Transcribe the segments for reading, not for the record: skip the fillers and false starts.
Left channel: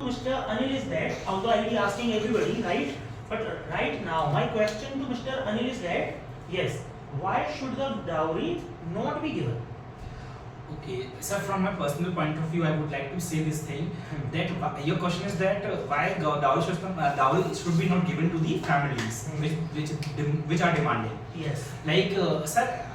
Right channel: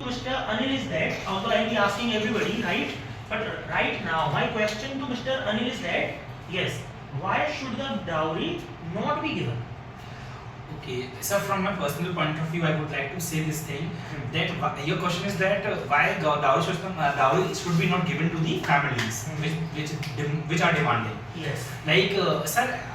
Mr. Anil is that, although I will be asking everybody, right? But right now, my question to Mr. Anil is that, yes, why should the dowry not be given? Okay, so from my personal point of view, I would like to say this thing that your question is that why dowry should be not given to the families which are demanding. Yes. Like, sir,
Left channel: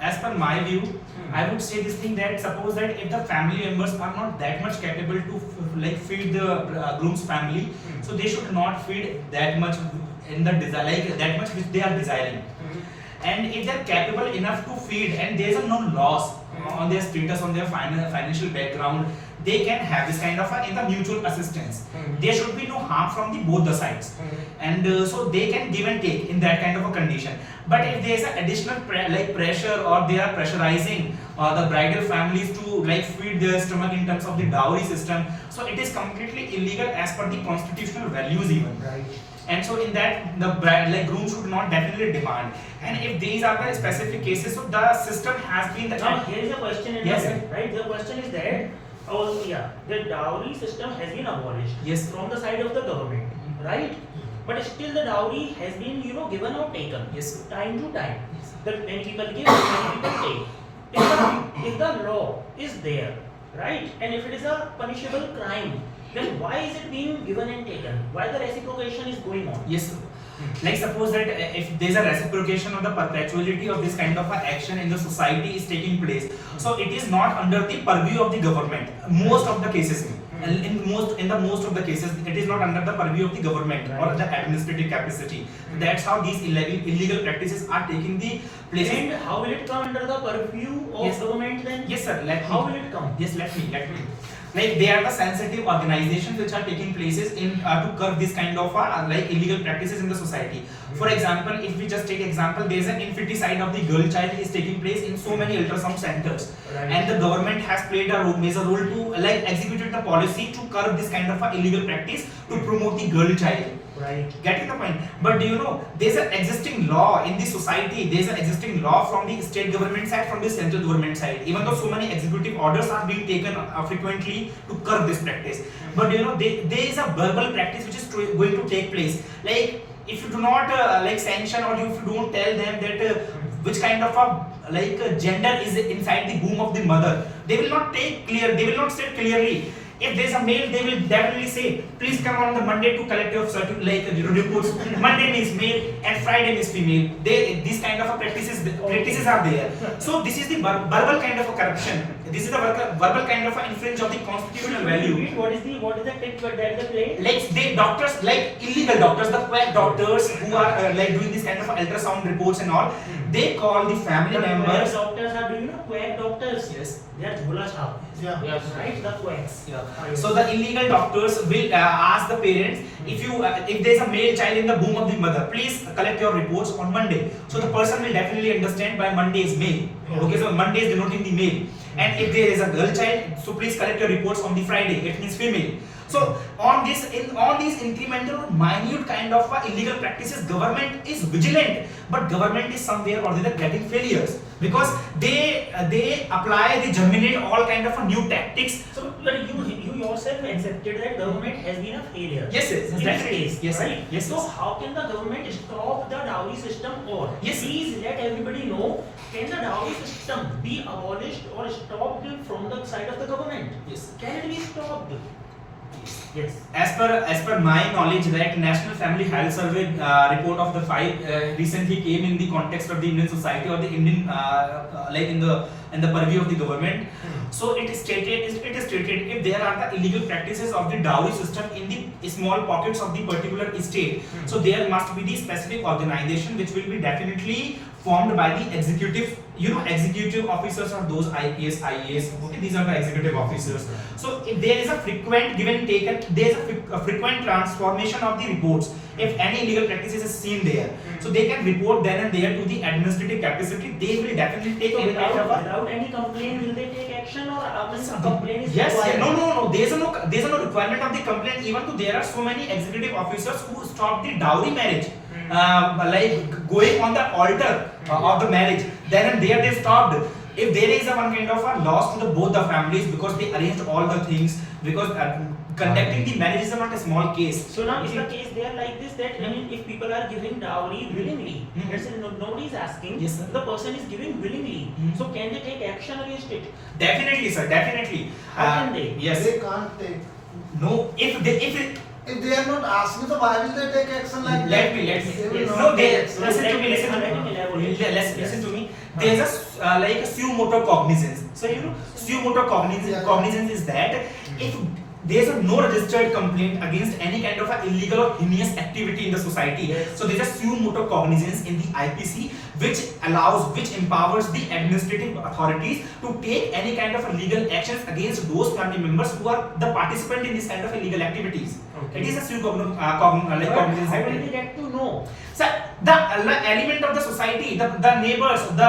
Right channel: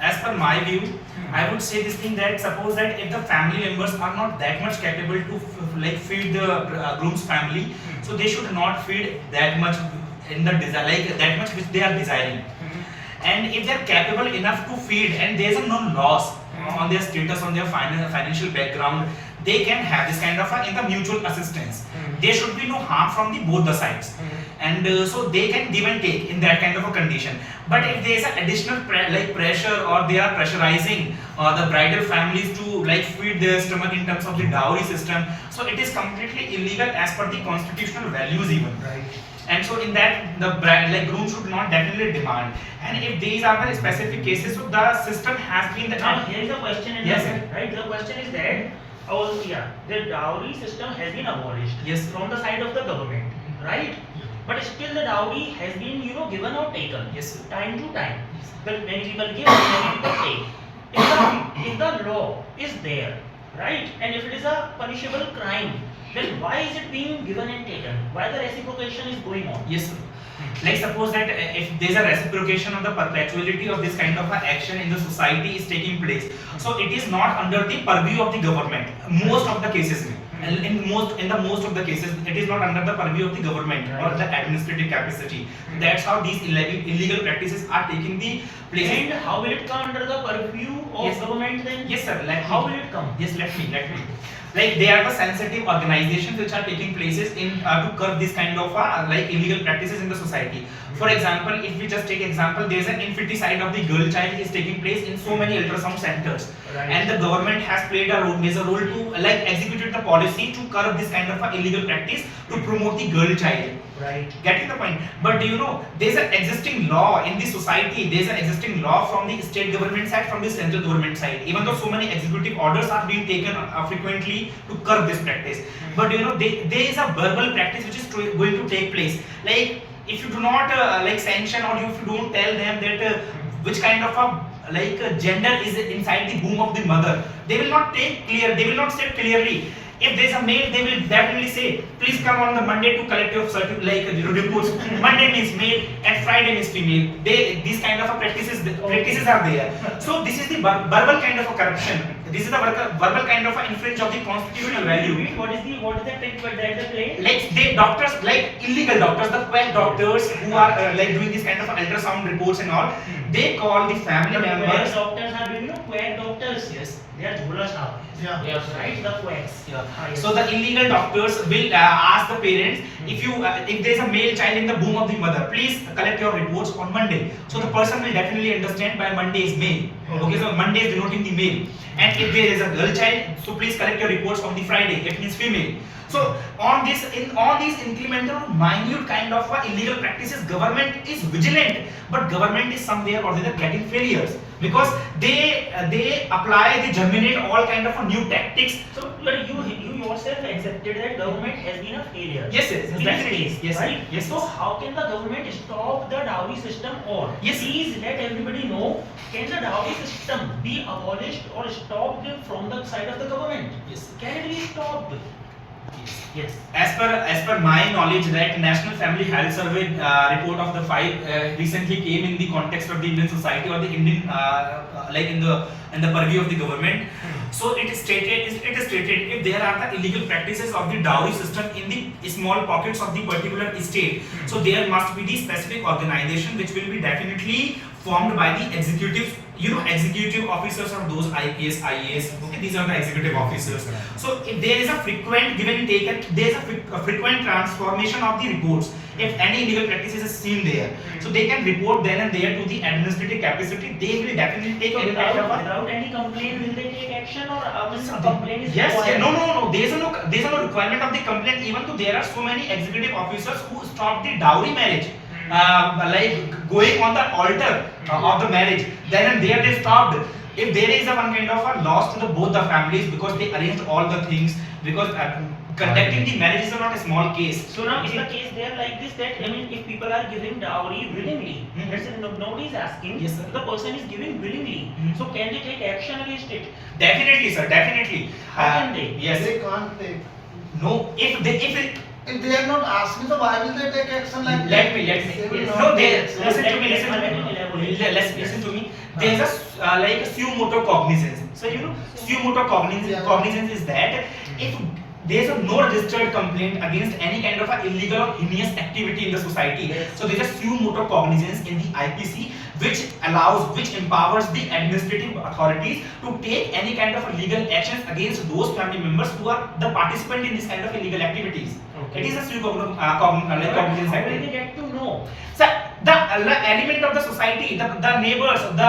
as per my view, I would say this thing that suppose that if the family members are not that much capable to like feed the groom's family, so they should not feed that much in the desire, like that much which they are desiring. And if they are capable enough to feed and there is no loss on their status, on their financial background, they can have this kind of in the mutual assistance. There should be no harm from the both the sides, and so they can give and take in that kind of a condition. But if there is an additional pressure, or they are pressurizing the bridal families to like feed their stomach in terms of the dowry system, so it is completely illegal as per the constitutional values even. Right. And so in that the groom should not definitely demand. And if these are the specific cases, so the system has been Now here is a question in yes, the right. The question is that the dowry system has been abolished. Yes. From the side of the government, right? But still the dowry has been given or taken. Yes. Time to time. That many people give, many people take. If the law is there, right, and if it is a punishable crime, then why is it being given and taken? Why the reciprocation is going on? Yes, sir. Like suppose that if there is a reciprocation of the perpetuality of this kind of a action in the society is taking place, so it is not under the purview of the government. Most of the cases, in the most of the cases, it is not under the purview of the government or the administrative capacity. That's how these illegal practices are taking the place. And how will it come under the purview of government then? Yes, sir. How will it come? Yes, let me. Like they are the sensitive organizations which are taking places in to curb this kind of like illegal practices in the society. For example, if we just take example, there is an infanticide of the girl child is taking place in so many ultrasound centers, and the government has played a major role to like executed the policy to curb this kind of illegal practice to promote the girl child. Right. Getting the point? But do you know there's an existing law in the society? There's an existing law from the state government side, from the central government side. Even though so many executive orders are being taken frequently to curb this practice, but there is a verbal practice which is going to take place. Like if you do not like sanction, or if you don't tell them that which kind of a gender is inside the womb of the mother, they will not take clear. They will not say clearly. If there is a male, they will definitely say, please come on the Monday to collect your reports. Monday means male and Friday means female. These kind of practices are there. So this is the verbal kind of a corruption. This is the verbal kind of infringe of the constitutional value. What is the trick that they play? Like doctors, like illegal doctors, the quack doctors who are like doing this kind of ultrasound reports and all, they call the family members. Doctors are doing quack doctors. Yes. They are jhola shop. Yeah. Yes. Right. The quacks. Yeah. Yes. So the illegal doctors will ask the parents, if there is a male child in the womb of the mother, please collect your reports on Monday. So the person will definitely understand by Monday is male. Okay, so Monday is denoting the male. And if there is a girl child, so please collect your reports on the Friday. It means female. So on these incremental, minute kind of illegal practices, government is vigilant, but government is somewhere or the other getting failures because they apply, they germinate all kind of new tactics. So, but you yourself accepted that government has been a failure. Yes, yes, in this case, yes, right? Yes. So how can the government stop the dowry system, or yes, please let everybody know, can the dowry system be abolished or stopped from the side of the government? Yes. Can it be stopped? Yes. As per my knowledge, that National Family Health Survey report of the 5 recently came in the context of the Indian society or the Indian like in the purview of the government. So it is stated if there are the illegal practices of the dowry system in the small pockets of the particular state, so there must be the specific organization which will be definitely formed by the executive officers of those IPS, IAS. Okay, these are the executive officers. So if there is a frequent give and take, there is a frequent transformation of the reports. If any illegal practices is seen there, so they can report then and there to the administrative capacity. They will definitely take without any complaint. Will they take action, or a complaint is yes, required? No. There is no requirement of the complaint. Even though there are so many executive officers who stop the dowry marriage. Like going on the altar of the marriage, then and there they stopped. If there is a one kind of a loss to both the families because they arranged all the things, because conducting the marriage is not a small case. So now is the case there like this, that I mean if people are giving dowry willingly, let's say nobody is asking, Yes, sir. the person is giving willingly, so can they take action against it? Definitely, sir. Definitely. How can they? Yes. They can't take. No. If If they are not asking, so why will they take action like let me. They will Yes. not No, take listen action. to me. Listen to me. There's a like a suo motu cognizance. So you know, suo motu cognizance is that if there's a no registered complaint against any kind of a illegal or heinous activity in the society. Yes. So there's a suo motu cognizance in the IPC which empowers the administrative authorities to take any kind of legal actions against those family members who are the participant in this kind of illegal activities. Okay. It is a suo cognizance How act. will they get to know? So the element of the society, the neighbors, they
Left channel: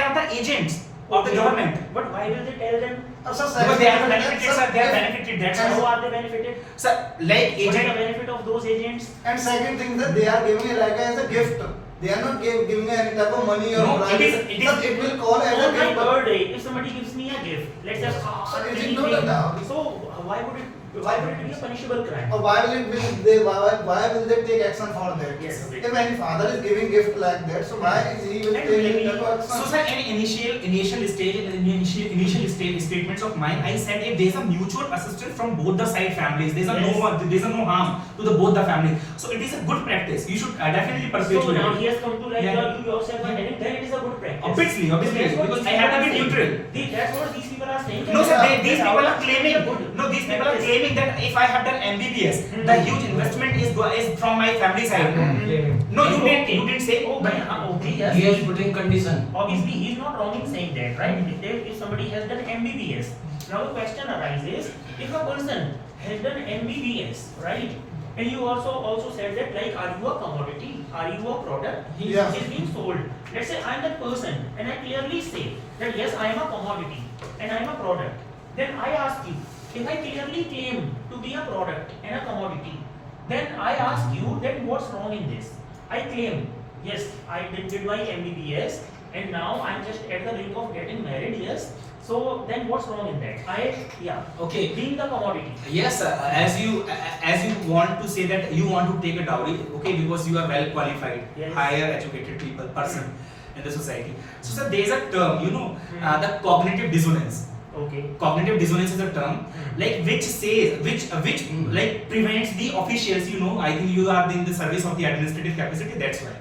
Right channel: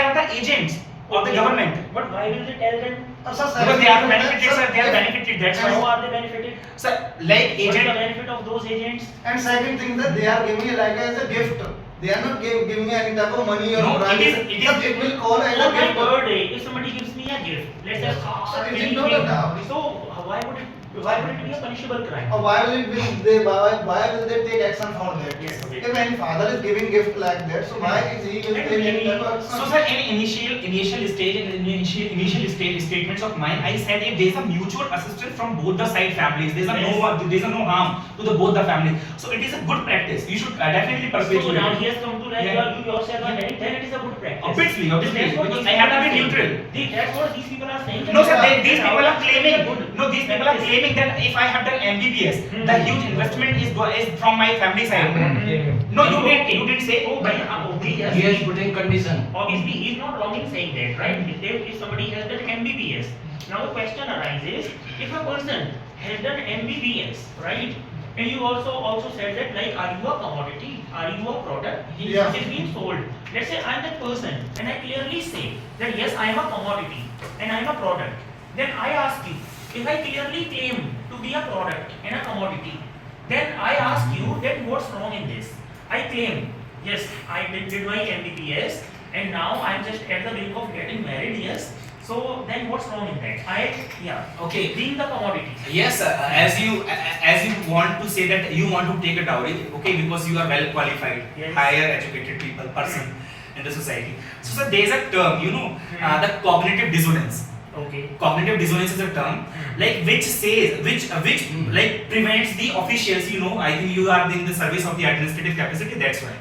are the agents of the Okay. government. But why will they tell them? Because they are benefited, sir. They are benefited. That's How why. are they benefited? So like What is the agent. benefit of those agents? And second thing that they are giving it like as a gift. They are not giving any type of money or No, bribe. It will call as On a my gift. birthday, if somebody gives me a gift, let's say So it is anything, not a dowry. so why would it be a punishable crime? Or why will it be why will they take action for that? Yes, okay. If any father is giving gift like that, so why is he will And take any maybe- type of action? So sir, in initial stage statements of mine, I said if there is a mutual assistance from both the side families, there is no harm to the both the families. So it is a good practice. You should definitely perpetuate So now it. he has come to like Yeah. you yourself are telling, then it is a good practice. Obviously, That's what because these I have to people be are neutral. saying. That's what these people are saying. No, sir. That These people are our claiming. good No, these people are practice. claiming that if I have done MBBS, Hmm. the huge investment is from my family side. Hmm. No, you didn't say. Oh, but okay, yes. He has put in condition. Obviously, he is not wrong in saying that, right? If somebody has done MBBS, now the question arises: if a person has done MBBS, right? And you also said that like, are you a commodity? Are you a product? Yeah. Is being sold. Let's say I am that person, and I clearly say that yes, I am a commodity and I am a product. Then I ask you, if I clearly claim to be a product and a commodity, then I ask you that what's wrong in this? I claim, yes, I did my MBBS and now I'm just at the brink of getting married, yes. So then what's wrong in that? Okay. Being the commodity. Yes, as you want to say that you want to take a dowry, okay, because you are well qualified, Yes. higher educated person in the society. So sir, there is a term, the cognitive dissonance. Okay. Cognitive dissonance is a term like which says which like prevents the officials. I think you are in the service of the administrative capacity. That's why.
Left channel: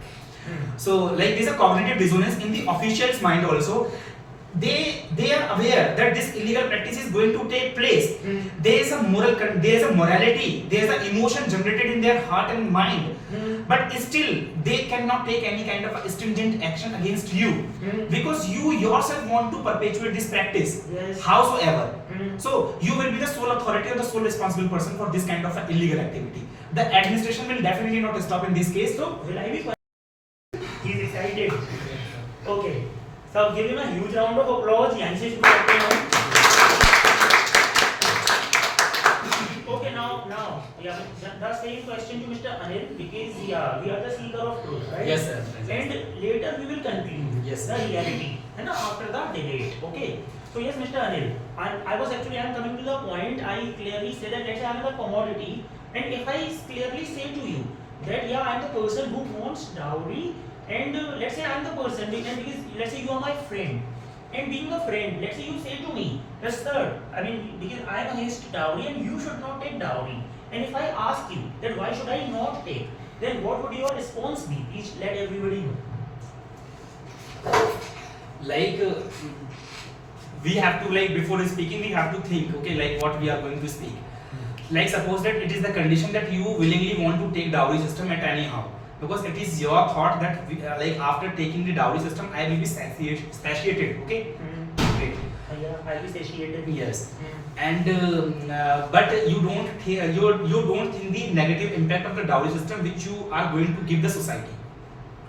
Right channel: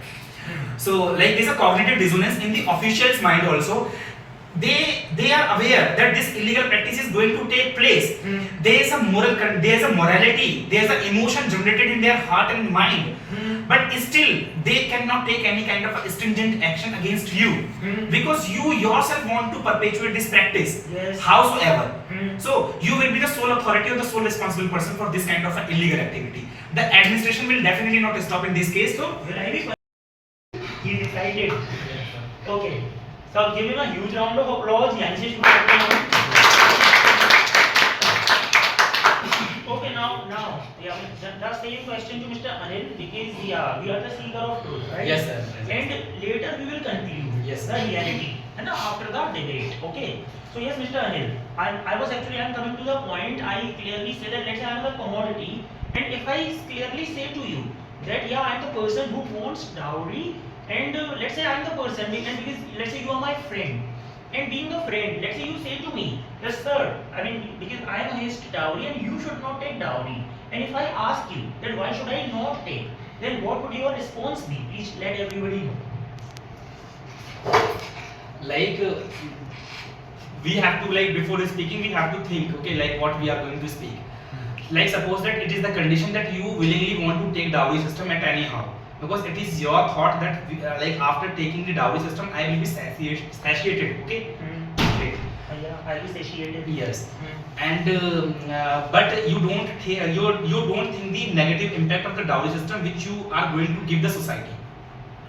So like there's a cognitive dissonance in the officials' mind also. They are aware that this illegal practice is going to take place. There is a morality, there is an emotion generated in their heart and mind, but still they cannot take any kind of a stringent action against you because you yourself want to perpetuate this practice. Yes. Howsoever, so you will be the sole authority or the sole responsible person for this kind of an illegal activity. The administration will definitely not stop in this case. So will I be? He is excited. Okay. So give him a huge round of applause. यहाँ से शुरू करते हैं. Okay, now, yeah, the same question to Mr. Anil because you are the seeker of truth, right? Yes, sir. And later we will conclude Yes, the sir. reality, and after the debate, okay? So yes, Mr. Anil, I'm coming to the point. I clearly say that let's say I'm a commodity, and if I clearly say to you that yeah, I'm the person who wants dowry. And let's say I'm the person, and because let's say you are my friend, and being a friend, let's say you say to me, yes sir, I mean because I am against dowry and you should not take dowry. And if I ask you then why should I not take, then what would your response be? Please let everybody know. Like we have to, like before speaking we have to think, okay, like what we are going to speak. Like suppose that it is the condition that you willingly want to take dowry system at anyhow, because it is your thought that like after taking the dowry system I will be satiated, okay? Okay. Yeah, I will satiated. Yes. And but you don't think the negative impact of the dowry system which you are going to give the society.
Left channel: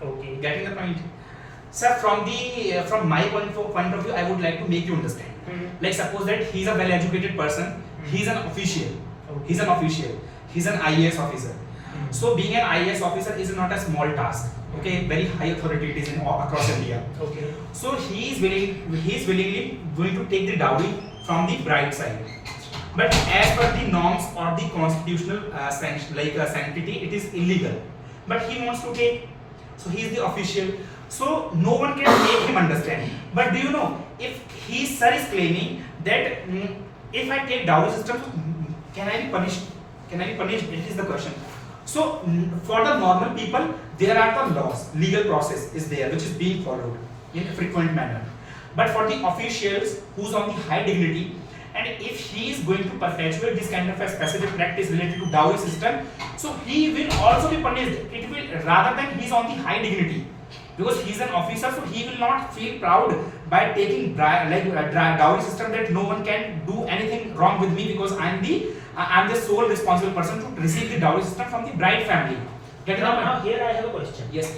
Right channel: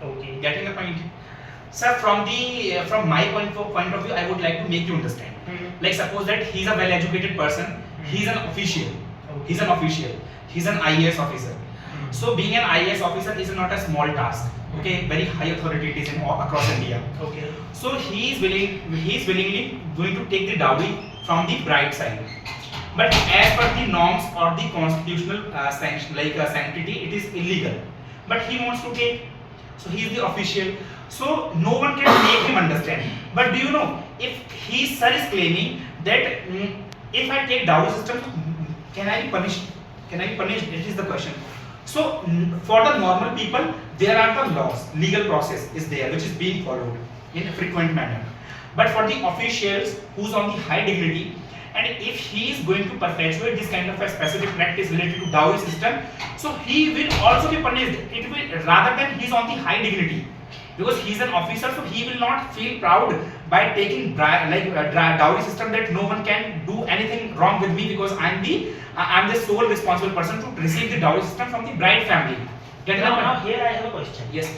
Okay. Getting the point? Sir, from my point of view, I would like to make you understand. Like suppose that he is a well educated person, he is an official. He's an official. He's an IAS officer. So being an IAS officer is not a small task. Okay, very high authority it is in across India. Okay. So he is willingly going to take the dowry from the bride side. But as per the norms or the constitutional sanctity, it is illegal. But he wants to take, so he is the official. So no one can make him understand. But do you know, if his sir is claiming that if I take dowry system, can I be punished? Can I be punished? It is the question. So for the normal people, there are the laws, legal process is there, which is being followed in a frequent manner. But for the officials who's on the high dignity, and if he is going to perpetuate this kind of a specific practice related to dowry system, so he will also be punished. It will, rather than he is on the high dignity, because he is an officer, so he will not feel proud by taking dowry system, that no one can do anything wrong with me because I'm the sole responsible person to receive the dowry system from the bride family. Now here I have a question. Yes.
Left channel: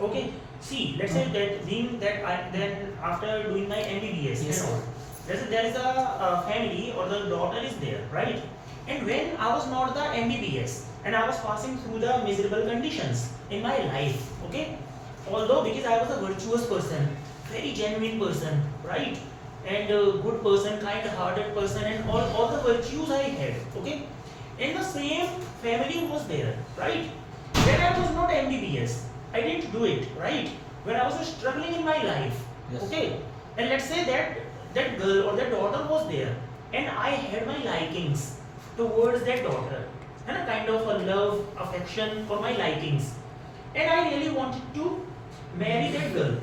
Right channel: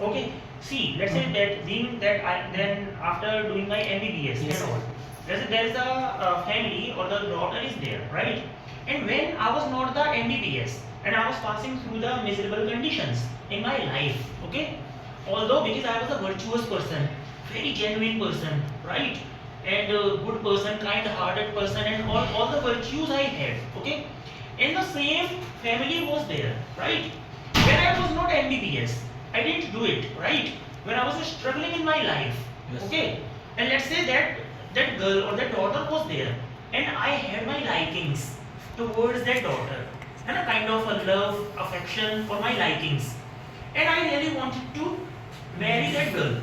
Okay. See, let's say that being that then after doing my MBBS Yes. and all, there is a family or the daughter is there, right? And when I was not the MBBS and I was passing through the miserable conditions in my life, okay? Although because I was a virtuous person, very genuine person, right? And a good person, kind-hearted person, and all the virtues I had, okay? And the same family was there, right? When I was not MBBS, I didn't do it, right? When I was struggling in my life, Yes. okay? And let's say that girl or that daughter was there, and I had my likings towards that daughter, and a kind of a love, affection for my likings, and I really wanted to marry that girl.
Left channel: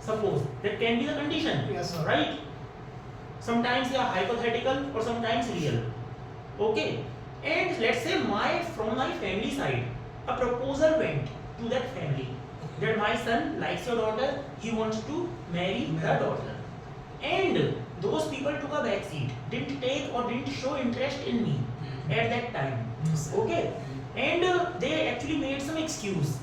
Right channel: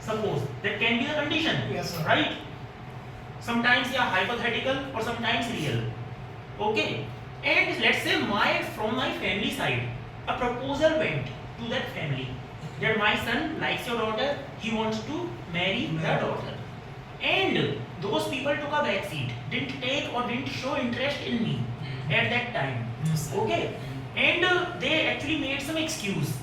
Suppose that can be the condition, Yes, sir. right? Sometimes yeah, hypothetical or sometimes real. Okay, and let's say from my family side, a proposal went to that family that my son likes your daughter, he wants to marry the daughter, and those people took a back seat, didn't take or didn't show interest in me at that time. Okay, and they actually made some excuse,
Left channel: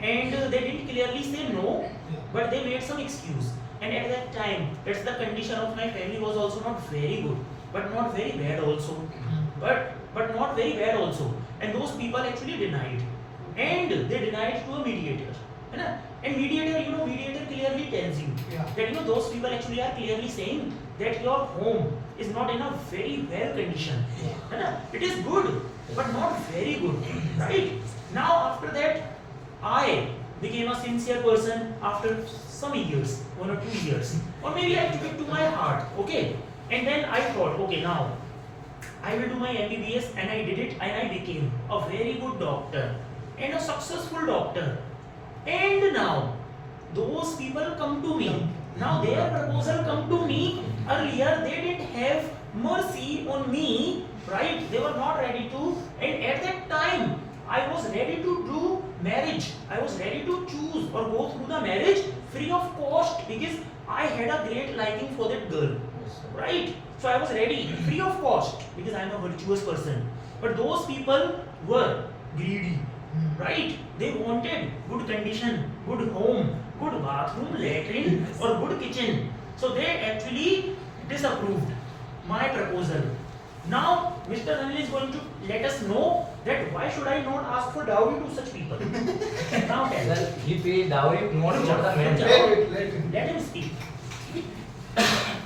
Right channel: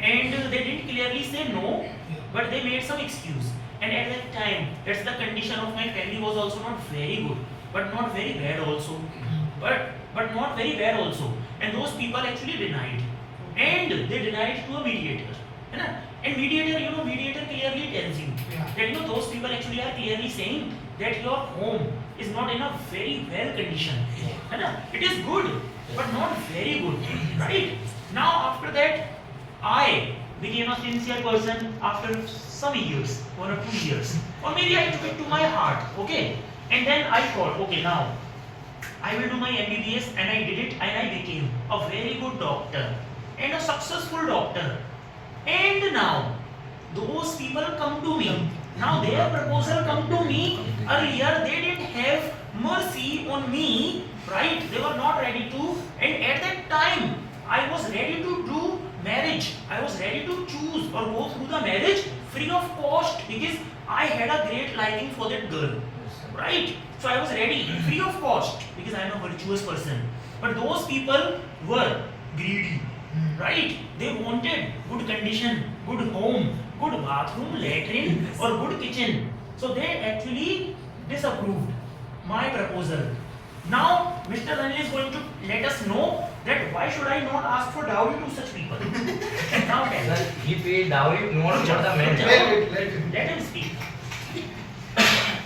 and they didn't clearly say no, but they made some excuse. And at that time, that's the condition of my family was also not very good, but not very bad also, but not very bad also. And those people actually denied, and they denied to a mediator. है ना? And mediator clearly tells you that those people actually are clearly saying that your home is not in a very well condition. है ना? It is good, but not very good, right? Now after that, I became a sincere person after some years, 1 or 2 years, or maybe I took it to my heart, okay? And then I thought, okay, now I will do my MBBS, and I did it, and I became a very good doctor and a successful doctor. And now those people come to me. Now their proposal come to me. Earlier they didn't have mercy on me, right? They were not ready to. And at that time, I was ready to do marriage. I was ready to choose or go through the marriage free of cost because I had a great liking for that girl, right? So I was ready, free of cost, because I am a virtuous person. But those people were greedy, right? They wanted good condition, good home, good bathroom, latrine, or good kitchen. So they actually disapproved my proposal. Now, Mr. Anil is going to let us know that why should I not ask for dowry to such people? Now tell Sir, he paid dowry not for the man. Let him speak.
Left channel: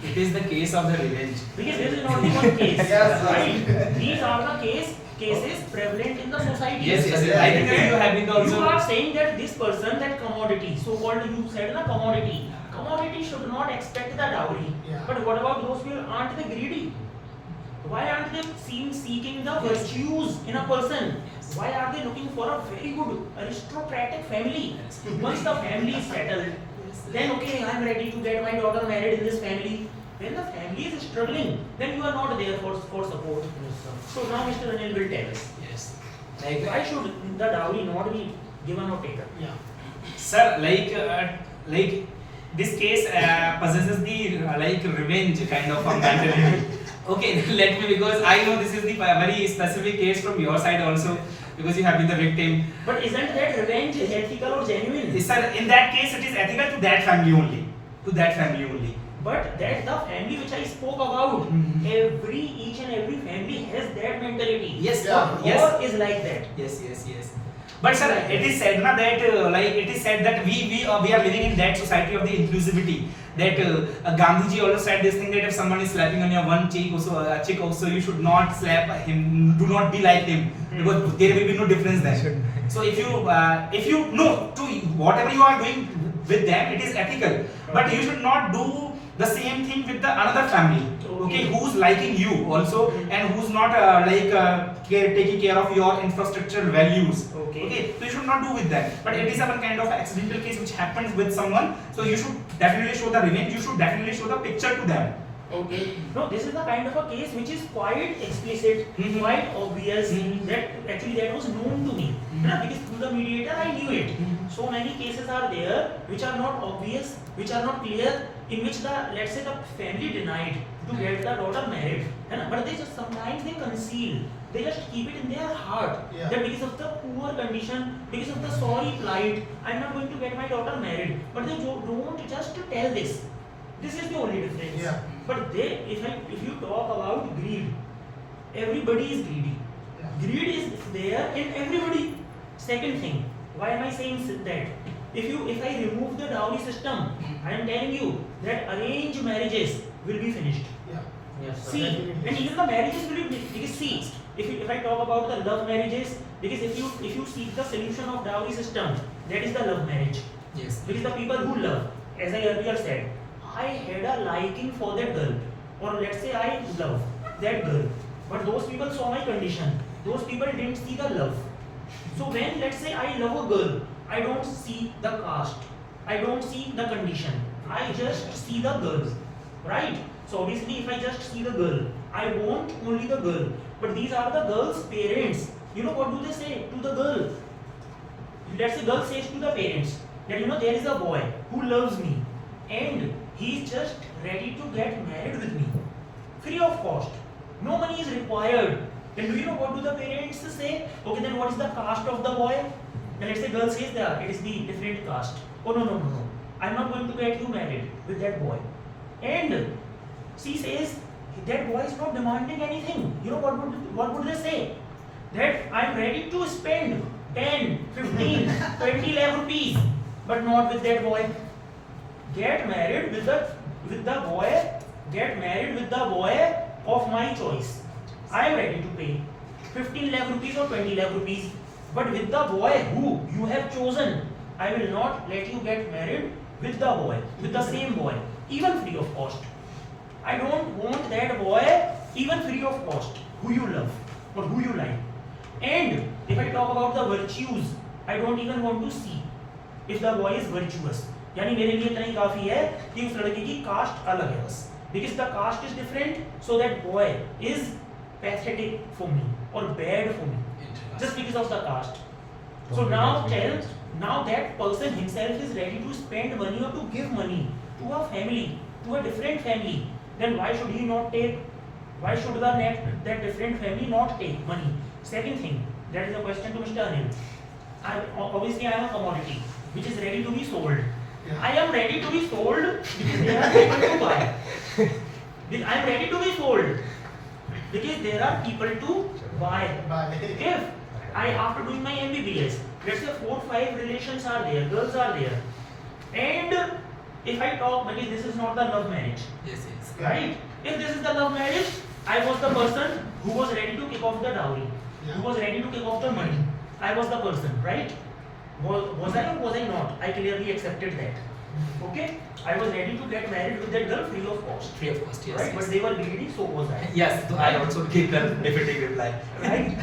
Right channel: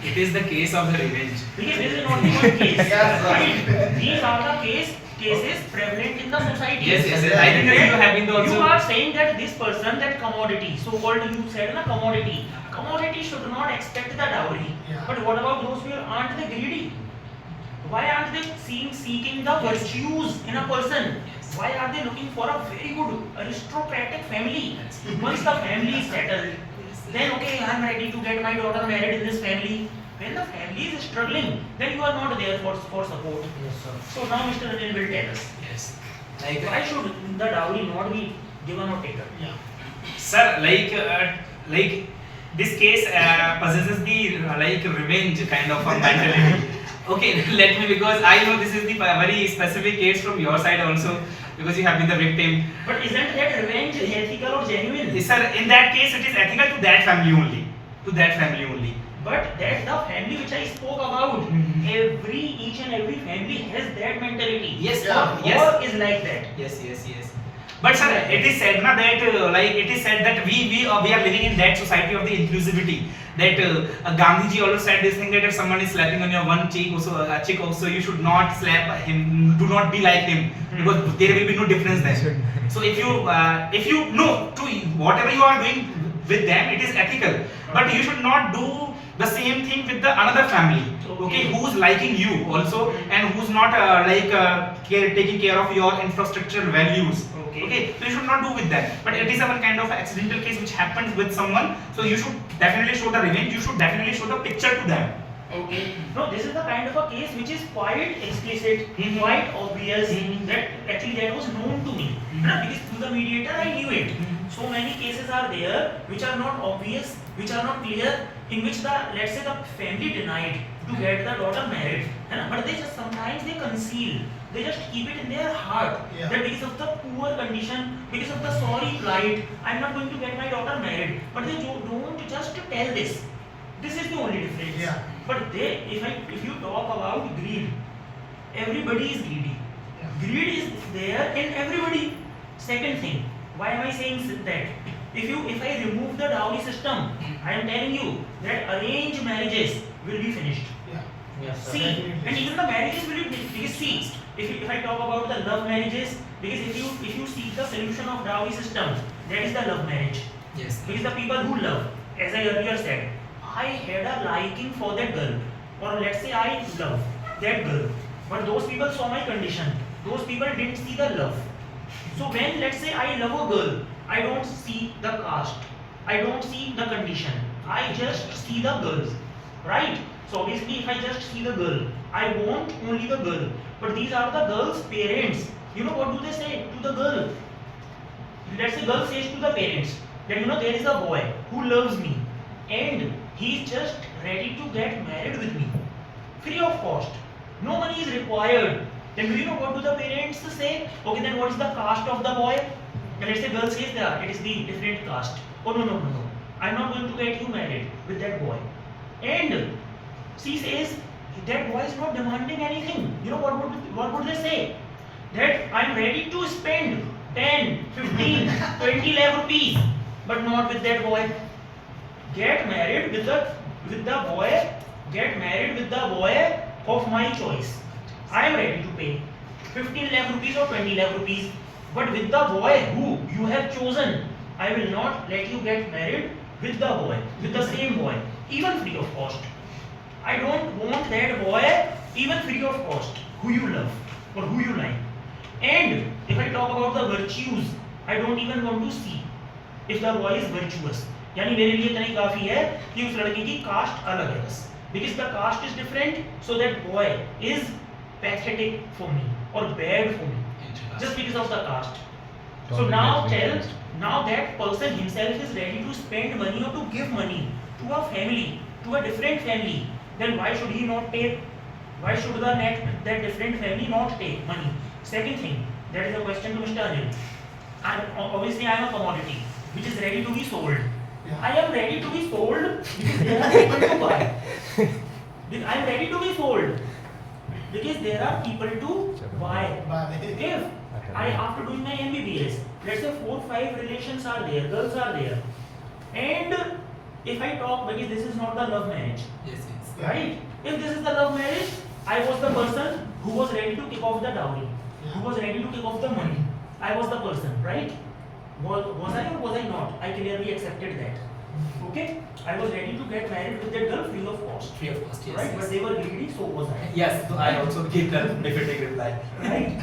It is the case of the revenge. Because this is not the one case, Yes, sir. right? These are the cases prevalent in the society. Yes. I think that you have been also. You are saying that this person, that commodity, so-called you said na commodity should not expect the dowry. Yeah. But what about those people? Aren't they greedy? Why aren't they seeking the virtues in a person? Why are they looking for a very good aristocratic family? Once the family is settled, then okay, I am ready to get my daughter married in this family. When the family is struggling, then you are not there for support. Yes, sir. So now Mr. Anil will tell us. Yes. Why should the dowry not be given or taken? Sir, like this case possesses the revenge kind of a mentality. Okay, let me, because I know this is the very specific case from your side also, because you have been the victim. But isn't that revenge ethical or genuine? Sir, in that case, it is ethical to that family only. To that family only. But that the family which I spoke about, each and every family has that mentality. Yes, Or is like that. Yes. But sir, it is said na that it is said that we are living in that society of the inclusivity. that Gandhiji also said this thing that if someone is slapping on your one cheek also you should not slap him, do not be like him, because there will be no difference there. So if you know to whatever you are doing with them, it is ethical, but you should not do the same thing with the another family, okay, who's liking you also and who's not taking care of your infrastructural values. Okay, so you should not do with that. But it is a kind of accidental case which happens with someone, so you should definitely show the revenge, you should definitely show the picture to them. Okay. No, this is the kind of a case which is quite explicit, quite obvious, that actually that was known to me. Because through the mediator I knew it. So many cases are there which are not obvious, which are not clear, in which the, let's say, the family denied to get the daughter married. But they just sometimes they conceal, they just keep it in their heart, that because of the poor condition, because of the sorry plight, I'm not going to get my daughter married. But they don't just tell this. This is the only difference. But they, if you talk about greed, everybody is greedy. Greed is there in everybody. Second thing, why am I saying that? If I remove the dowry system, I am telling you that arranged marriages will be finished. Yes, sir. See, and even the marriages will be finished. Because see, if I talk about the love marriages, because if you seek the solution of dowry system, that is the love marriage. Yes. Because the people who love, as I earlier said, I had a liking for that girl, or let's say I love that girl, but those people saw my condition. Those people didn't see the love. So when, let's say, I love a girl, I don't see the caste, I don't see the condition, I just see the girls, right? So obviously if I just see the girl, I want only the girl. But these are the girl's parents. You know what do they say to the girl? Let's say girl says to the parents that, you know, there is a boy who loves me and he is just ready to get married with me, free of cost. No money is required. Then do you know what do the parents say? Okay, then what is the caste of the boy? And let's say girl says that it is the different caste. Oh no, I'm not going to get you married with that boy. And she says that boy is not demanding anything. You know what would they say? That I'm ready to spend 10, 15, 20 lakh rupees, but not with that boy. Get married with the boy. Get married with the boy of my choice. I am ready to pay 15 lakh rupees or 20 lakh rupees, but with the boy who you have chosen, I will not let you get married with the boy, with the same boy, even free of cost. I don't want that boy even free of cost, who you love or who you like. And if I talk about the virtues, I don't even want to see if the boy is virtuous. यानी मेरे लिए इतना ही काफी है कि उस लड़के की कास्ट अलग है बस. Because the caste is different, so that boy is pathetic for me or bad for me, just because of the caste. So now that person himself is ready to spend money or to give money to a family, to a different family, then why should he not take? Why should that different family not take money? Second thing, that is a question to Mr. Anil. Obviously I am a commodity which is ready to be sold. I am ready to be sold because there are people to buy. I am ready to be sold because there are people to buy. If I, after doing my MBBS, let's say 4 or 5 relations are there, girls are there, and if I talk, because this is not the love marriage, right? If this is the love marriage, I was the person who was ready to kick off the dowry, who was ready to kick off the money. I was the person, right? Was I or was I not? I clearly accepted that. Okay? I was ready to get married with that girl free of cost. Free of cost, yes. Right? But they were greedy, so was I. Yes, so I also gave a definitive reply. Right?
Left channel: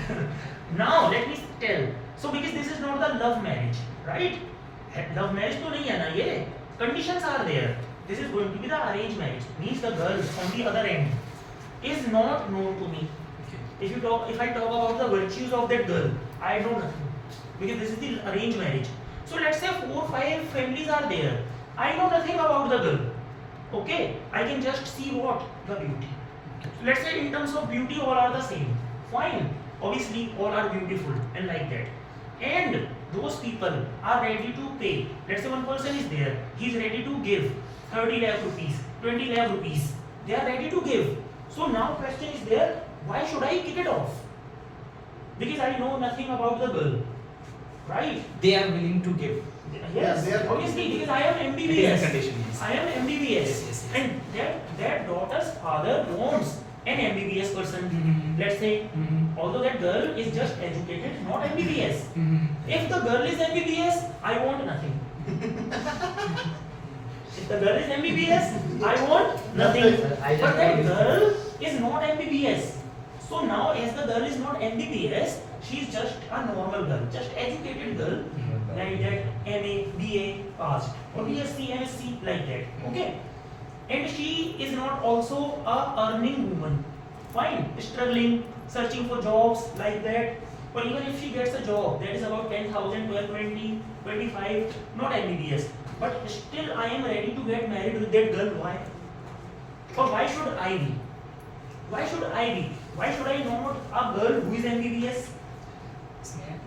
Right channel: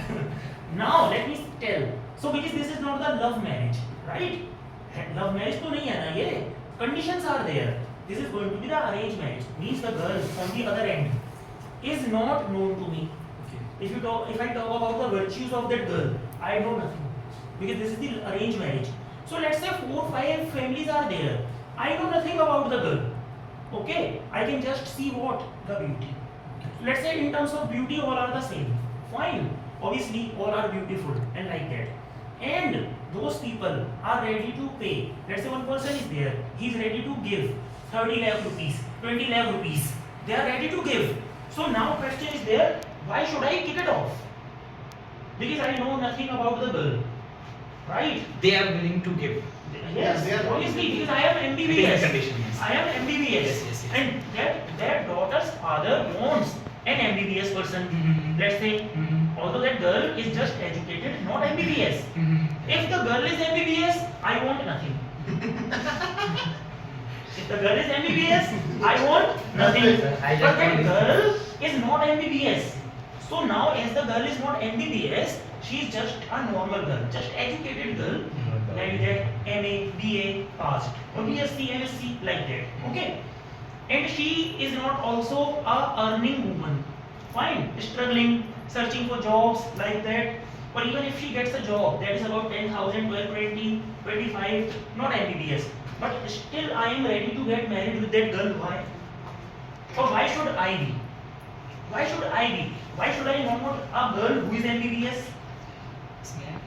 Now, let me tell. So, because this is not the love marriage, right? Love marriage to nahi hai na ye. Conditions are there. This is going to be the arranged marriage. Means the girl on the other end is not known to me. Okay. If I talk about the virtues of that girl, I know nothing. Because this is the arranged marriage. So let's say 4 or 5 families are there. I know nothing about the girl. Okay, I can just see what? The beauty. So let's say in terms of beauty all are the same. Fine. Obviously all are beautiful and like that. And those people are ready to pay. Let's say one person is there. He is ready to give 30 lakh rupees, 20 lakh rupees. They are ready to give. So now question is there, why should I kick it off? Because I know nothing about the girl. right? They are willing to give. Yes, they are obviously, because I am It is MBBS. a condition, yes. I am MBBS, Yes, yes, yes. and that daughter's father wants an MBBS person. Mhm. Let's say, Mhm. although that girl is just educated, not MBBS. Mhm. If the girl is MBBS, I want nothing. If the girl is MBBS, I want nothing. Nothing. But that girl is not MBBS. So now, as the girl is not MBBS, she is just a normal girl, just educated girl, like that, MA, BA passed, or BSc, MSc, like that. Okay. And she is not also a earning woman. Fine, struggling, searching for jobs like that. Or even if she gets a job that is about 10,000, 12, 20, 25, not MBBS. But still I am ready to get married with that girl. Why? Or why should I be? Why should I be? Why should I not a girl who is MBBS?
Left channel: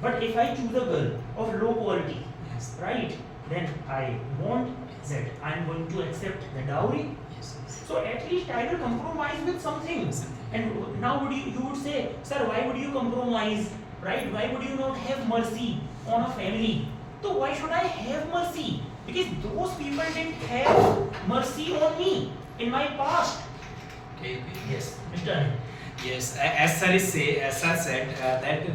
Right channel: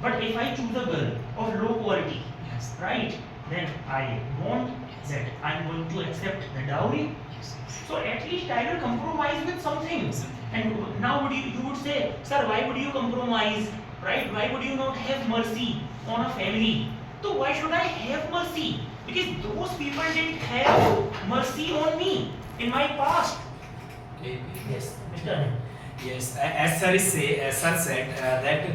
But if I choose a girl of low quality, Yes. right, then I want that I am going to accept the dowry. Yes. So at least I will compromise with something. And now you would say, sir, why would you compromise? Right? Why would you not have mercy on a family? So why should I have mercy? Because those people didn't have mercy on me in my past. Okay. Yes, Mr. Yes, as sir said that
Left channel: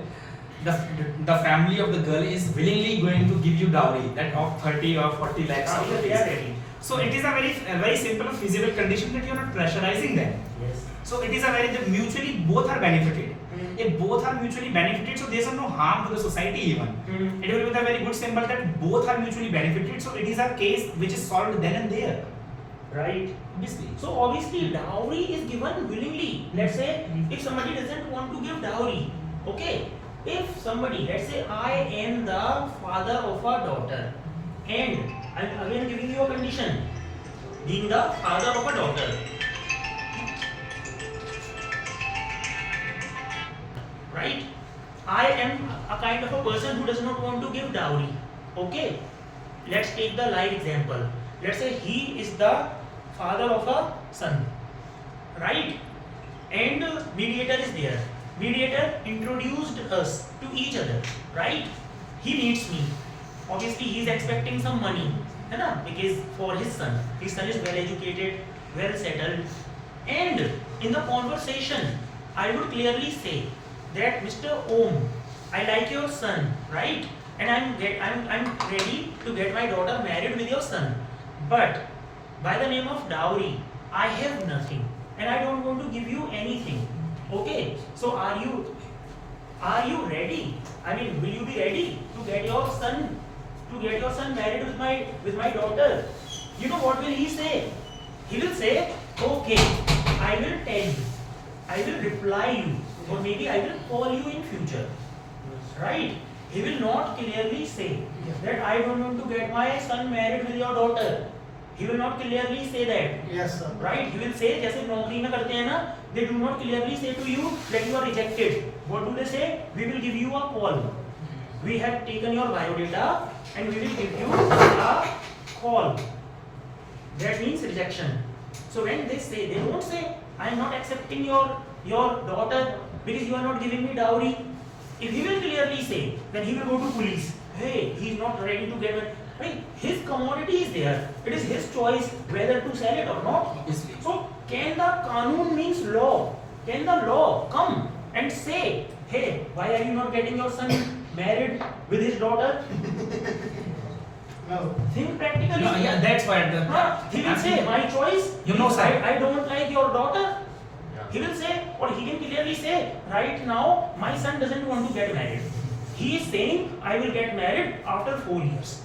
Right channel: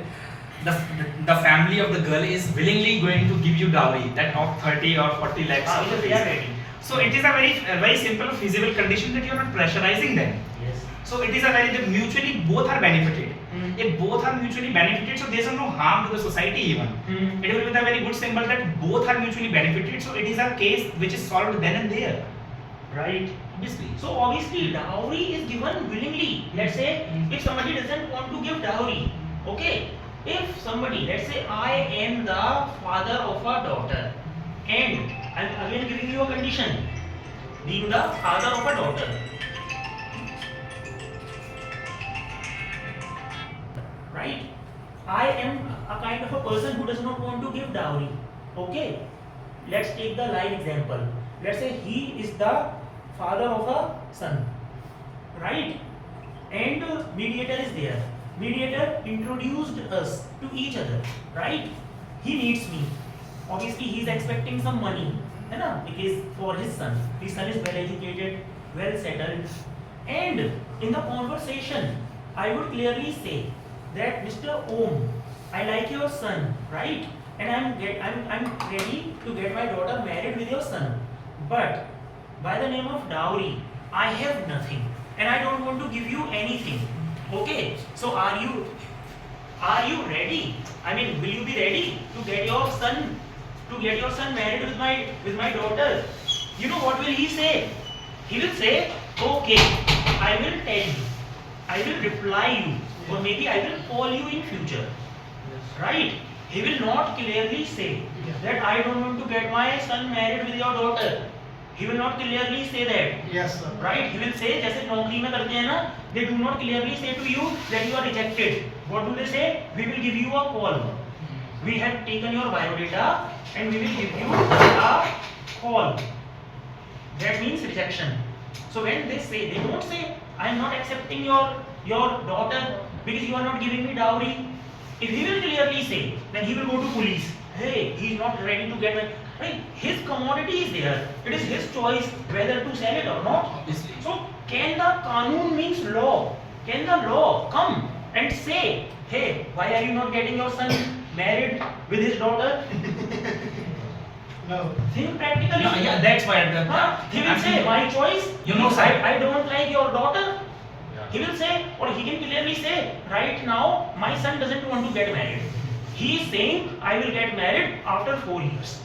the family of the girl is willingly going to give you dowry that of 30 or 40 lakhs of They rupees. are ready. So it is a very simple feasible condition that you are not pressurizing them. Yes. So it is a very mutually both are benefited. Mm. If both are mutually benefited, so there is no harm to the society even. Mm. It will be a very good symbol that both are mutually benefited. So it is a case which is solved then and there. Right. Obviously. So obviously dowry is given willingly. Let's say if somebody doesn't want to give dowry, okay. If somebody, let's say I am the father of a daughter, and I'm again giving you a condition, being the father of a daughter. Right? I am a kind of a person who does not want to give dowry. Okay. Let's take the live example. Let's say he is the father of a son. Right? And mediator is there. Mediator introduced us to each other, right? He needs me. Obviously, he is expecting some money, है ना? Because for his son is well educated, well settled, and in the conversation, I would clearly say that Mr. Om, I like your son, right? And I'm ready to get my daughter married with your son, but by the name of dowry, I have nothing, and I don't want to give you anything. Okay, so are you ready? I mean, will you be ready to get your son married with my daughter? You know what will he say? He will say, okay, I will tell you, I will reply you, or maybe I will call you in future. Right? He will not clearly say that I don't want to get my son married with your daughter. He will not clearly say that. Yes, sir. Right? He will say, जैसे नौकरी में करते हैं ना, they do not clearly say to you that you are rejected. What do they say? We will give you a call. We have taken your biodata and we will give you a call. That means rejection. So when they say, they don't say, I am not accepting your daughter because you are not giving me dowry. If he will clearly say, then he will go to police. Hey, he is not ready to get married. Right? His commodity is there. It is his choice whether to sell it or not. Obviously. So can the Kanun means law? Can the law come and say, hey, why are you not getting your son married with his daughter? No. Think practically. No, yeah, that's why. He will say, my choice. You know, sir. I don't like your daughter. He will say, or he can clearly say, right now, my son doesn't want to get married. He is saying, I will get married after 4 years.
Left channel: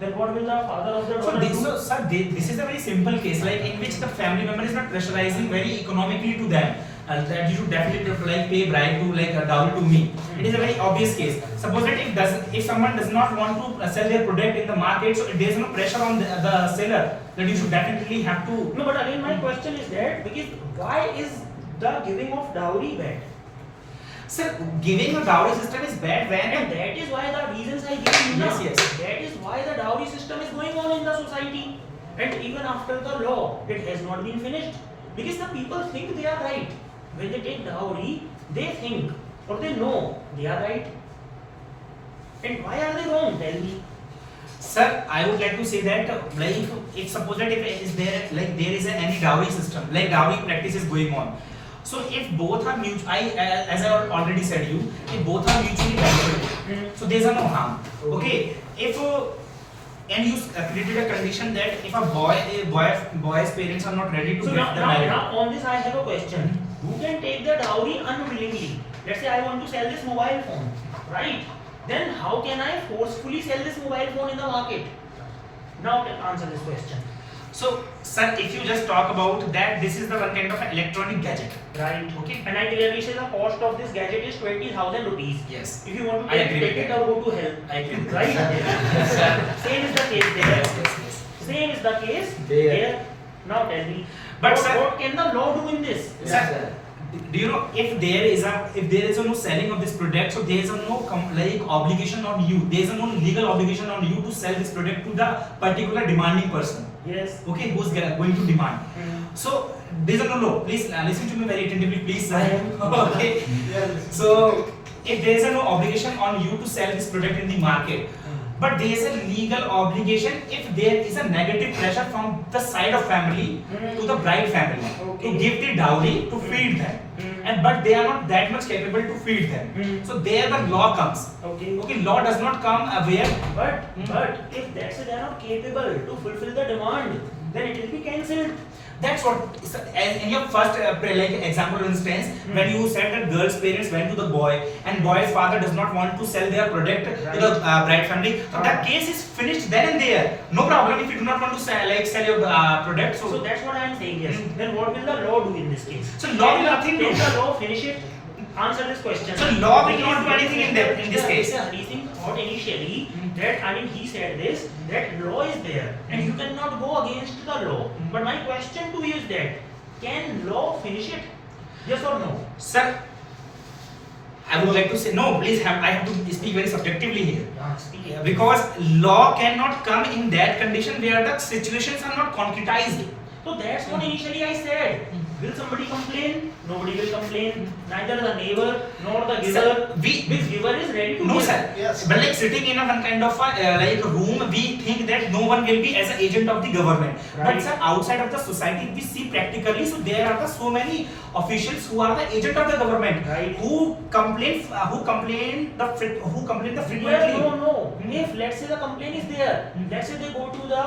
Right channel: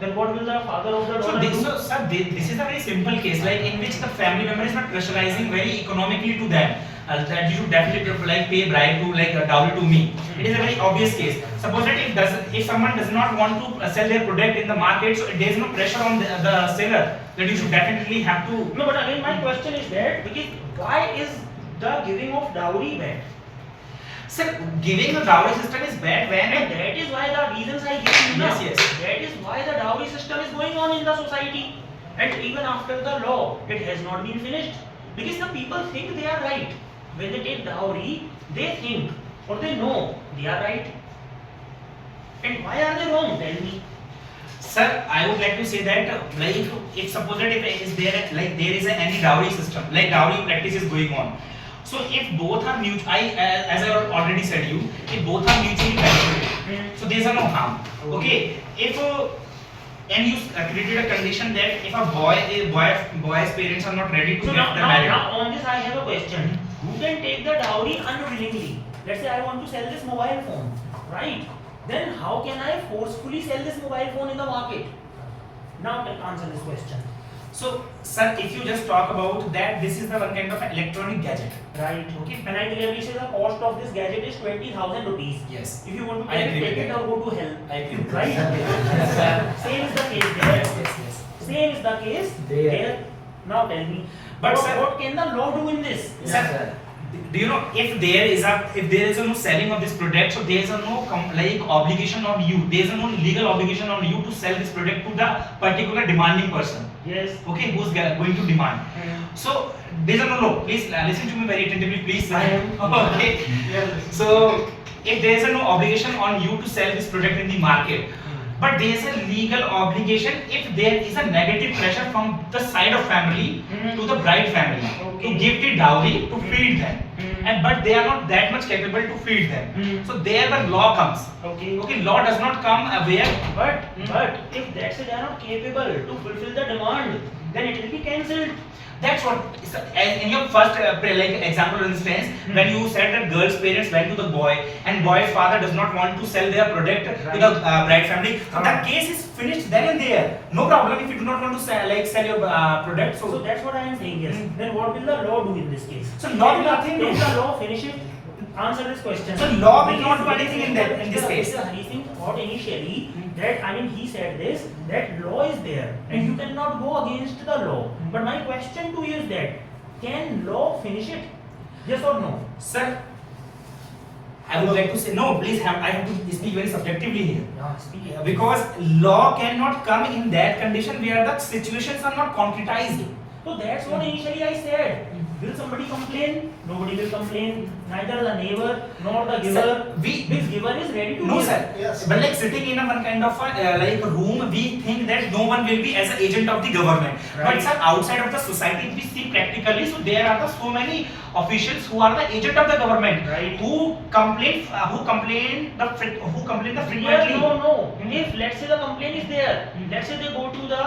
Then what will the father of the daughter do? So, sir, this is a very simple case, like in which the family member is not pressurizing very economically to them. That you should definitely like pay bribe to like a dowry to me. It is a very obvious case. Suppose that if someone does not want to sell their product in the market, so there is no pressure on the seller that you should definitely have to. No, but again my question is that because why is the giving of dowry bad? Sir, giving a dowry system is bad when. And that is why the reasons I give you now. Yes, yes. That is why the dowry system is going on in the society. And even after the law, it has not been finished. Because the people think they are right. When they take dowry, they think or they know they are right. And why are they wrong? Tell me. Sir, I would like to say that like if suppose that if is there like there is any dowry system, like dowry practice is going on. So if both are as I already said you, if both are mutually beneficial, so there is no harm. Okay, if and you created a condition that if a boy's parents are not ready to So get the marriage. now on this I have a question. Who can take the dowry unwillingly? Let's say I want to sell this mobile phone, right? Then how can I forcefully sell this mobile phone in the market? Now answer this question. So sir, if you just talk about that, this is the one kind of an electronic gadget. Right. Okay. And I clearly say the cost of this gadget is 20,000 rupees. Yes. If you want to I agree take with it that. or go to hell. I agree with Right? that. Same is the case there. Yes. Same is the case There. there. Now tell me. But what, sir- what can the law do in this? Sir, do you know if there is a no selling of this product, so there is a no like obligation on you. There is a no legal obligation on you to sell this product to the particular demanding person. Yes. Okay, who's going to demand. Hmm. So there is a no law. Please listen to me very attentively, please. Sir. I am. Okay. Yes. So if there is a no obligation on you to sell this product in the market, but there is a legal obligation if there is a negative pressure from the side of family to the bride family Okay. to give the dowry to feed them, and but they are not that much capable to feed them. So there the law comes. Okay. Okay, law does not come where. But if that's they are not capable to fulfill the demand, then it will be cancelled. That's what in your first like example instance, when you said that girl's parents went to the boy and boy's father does not want to sell their product to the bride family, so that case is finished then and there. No problem if you do not want to sell your product. So that's what I am saying. Yes. Then what will the law do in this case? So law will nothing do. Can the law finish it? Answer this question. So law will not do anything in this case. Hari Singh thought initially that he said this that law is there and you cannot go against the law. But my question to you is that can law finish it? Yes or no? Sir, I would like to say no. Please, I have to speak very subjectively here. Because law cannot come in that condition where the situations are not concretized. So that's what initially I said. Will somebody complain? Nobody will complain. Neither the neighbor nor the giver. Sir, This giver is ready to No give. sir, Yes. but like sitting in a one kind of a, like room, we think that no one will be as an agent of the government. Right. But sir, outside of the society, we see practically, so there are so many officials who are the agent of the government, Right. who complain the frequently. Yes, no. If let's say the complaint is there, let's say they go to the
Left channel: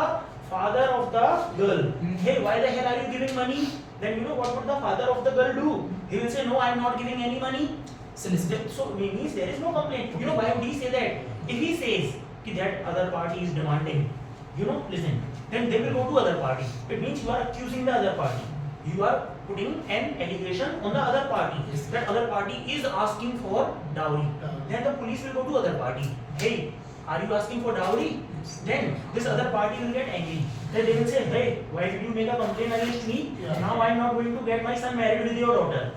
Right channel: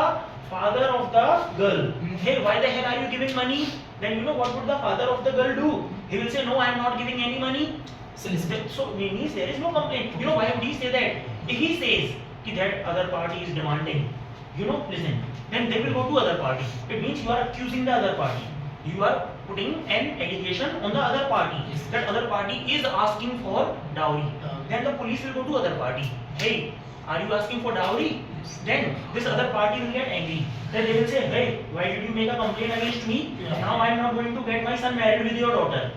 father of the girl. Hey, why the hell are you giving money? Then you know what would the father of the girl do? He will say, no, I am not giving any money. So listen, So means there is no complaint. You know why would he say that? If he says that other party is demanding, listen, then they will go to other party. It means you are accusing the other party. You are putting an allegation on the other party. Yes. That other party is asking for dowry. Then the police will go to other party. Hey, are you asking for dowry? Then this other party will get angry. Then they will say, hey, why did you make a complaint against me? Now I am not going to get my son married with your daughter.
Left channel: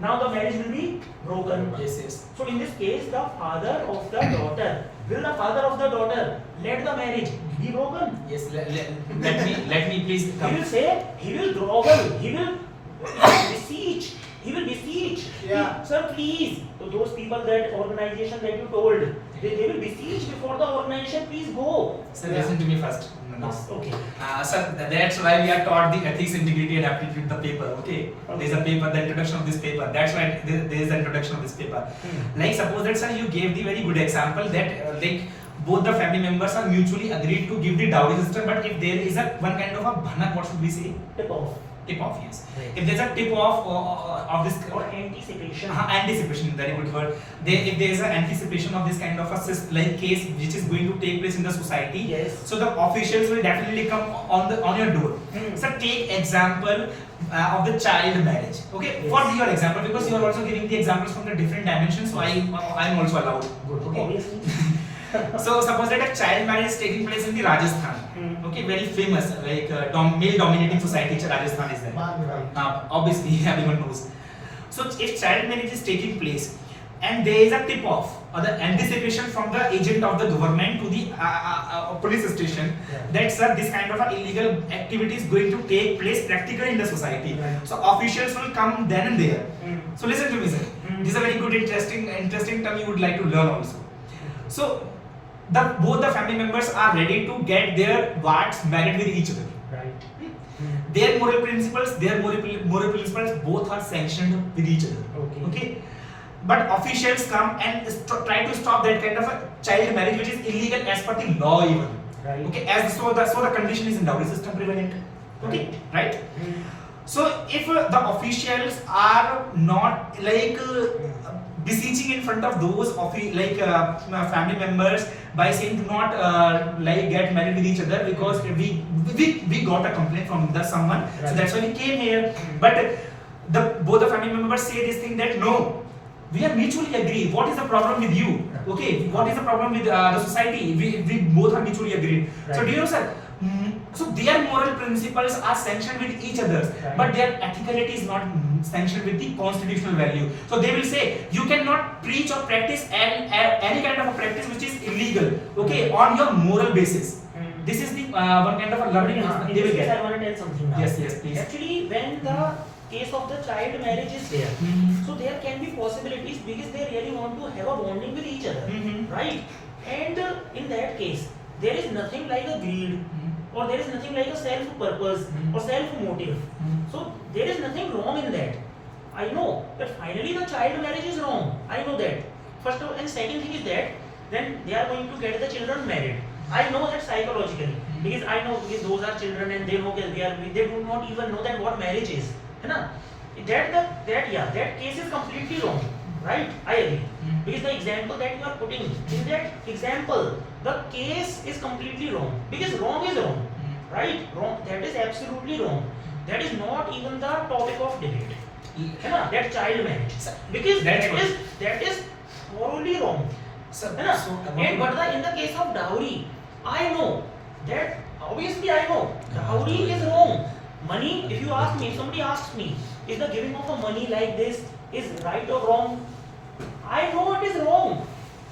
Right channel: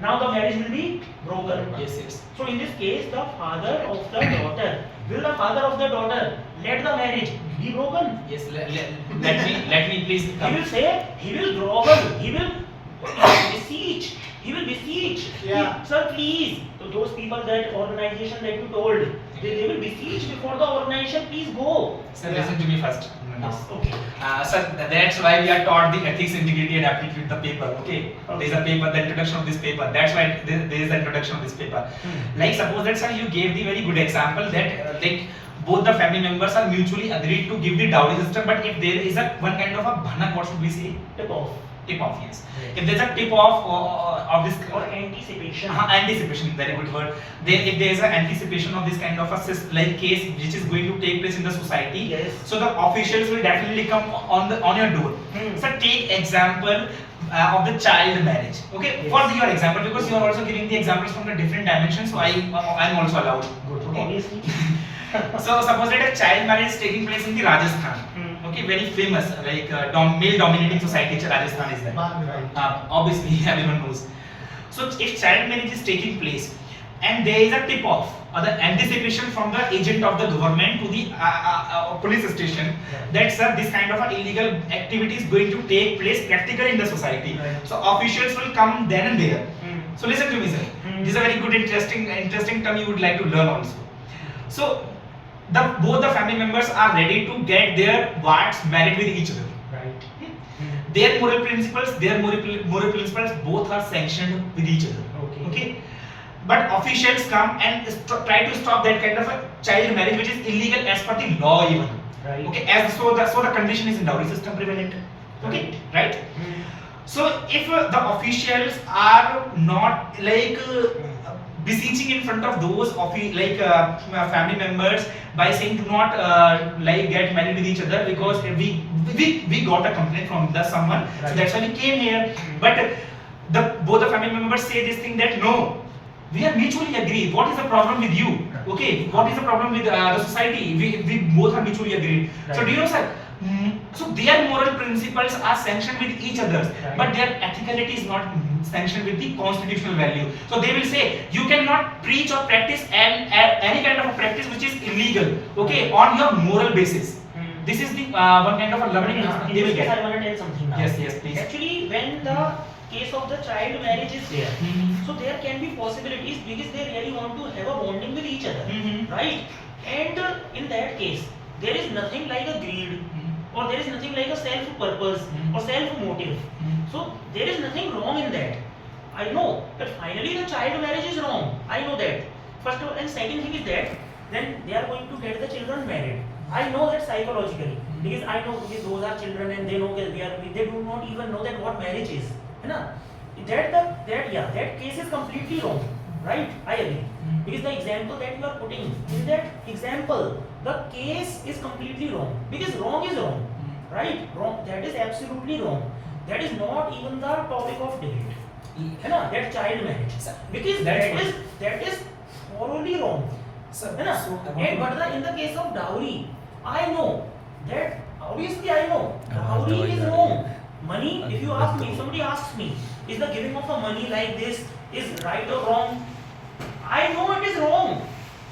Now the marriage will be broken. yes. So in this case, the father of the daughter, will the father of the daughter let the marriage be broken? Yes, let me please He come. will say, he will grovel, he will beseech. Yeah. Sir, please. So those people, that organization that you told, they will beseech before the organization, please go. Sir, listen to me first. Okay. Sir, that's why we are taught the ethics, integrity, and aptitude, the paper. Okay, there is a paper, the introduction of this paper. That's why there is the introduction of this paper. Like suppose that sir, you gave the very good example that like both the family members are mutually agreed to give the dowry system, but if there is a one kind of a bhanak, what should we say? Tip off. Tip off, yes. Right. If there's a tip off of this Or anticipation. anticipation, very good word. If there is an anticipation of this kind of a like case which is going to take place in the society, Yes. so the officials will definitely come on your door. So take example of the child marriage. Okay, Yes. for your example, because you are also giving the examples from the different dimensions, so I'm also allowed. Good. Okay. Obviously. So suppose that a child marriage is taking place in the Rajasthan. Okay, very famous like male dominating society. Rajasthan is there. Obviously, everyone knows. So if child marriage is taking place and there is a tip off or the anticipation from the agent of the government to the police station that sir, this kind of a illegal activity is going to take place practically in the society. Right. So officials will come then and there. So listen to me, sir. Mm. This is a very good interesting term you would like to learn also. So both the family members are ready to get their wards married with each other. Right. Their moral principles both are sanctioned with each other. Okay. But officials come and try to stop that kind of a child marriage, which is illegal as per the law even. Right. Okay. So the condition is in dowry system prevalent. Okay. Right. So if the officials are not like beseeching in front of those family members by saying do not like get married with each other because we got a complaint from the someone, so Right. that's why we came here. But both the family members say this thing that no, we are mutually agreed. What is the problem with you? Okay, what is the problem with the society? We both are mutually agreed. So Right. do you know, sir? So their moral principles are sanctioned with each other, Right. but their ethicality is not sanctioned with the constitutional value. So they will say you cannot preach or practice any kind of a practice which is illegal, okay, on your moral basis. This is the one kind of a learning In they will this case, I get. want to tell something now. Yes, please. Actually, when the case of the child marriage is there, Mhm. so there can be possibilities because they really want to have a bonding with each other, Mhm. right? And in that case, there is nothing like a greed, or there is nothing like a self-purpose or self-motive. So there is nothing wrong in that. I know that finally the child marriage is wrong. I know that. First of all, and second thing is that then they are going to get the children married. I know that psychologically because I know because those are children and they know that they do not even know that what marriage is. है ना? That case is completely wrong, right? I agree. Because the example that you are putting in that example, the case is completely wrong. Because wrong is wrong, right? Wrong. That is absolutely wrong. That is not even the topic of debate. है ना? That child marriage. Because that is thoroughly wrong. है ना? But in the case of dowry, I know that obviously I know dowry is wrong. Money, if you ask me, if somebody asks me, is the giving of a money like this is right or wrong? I know it is wrong.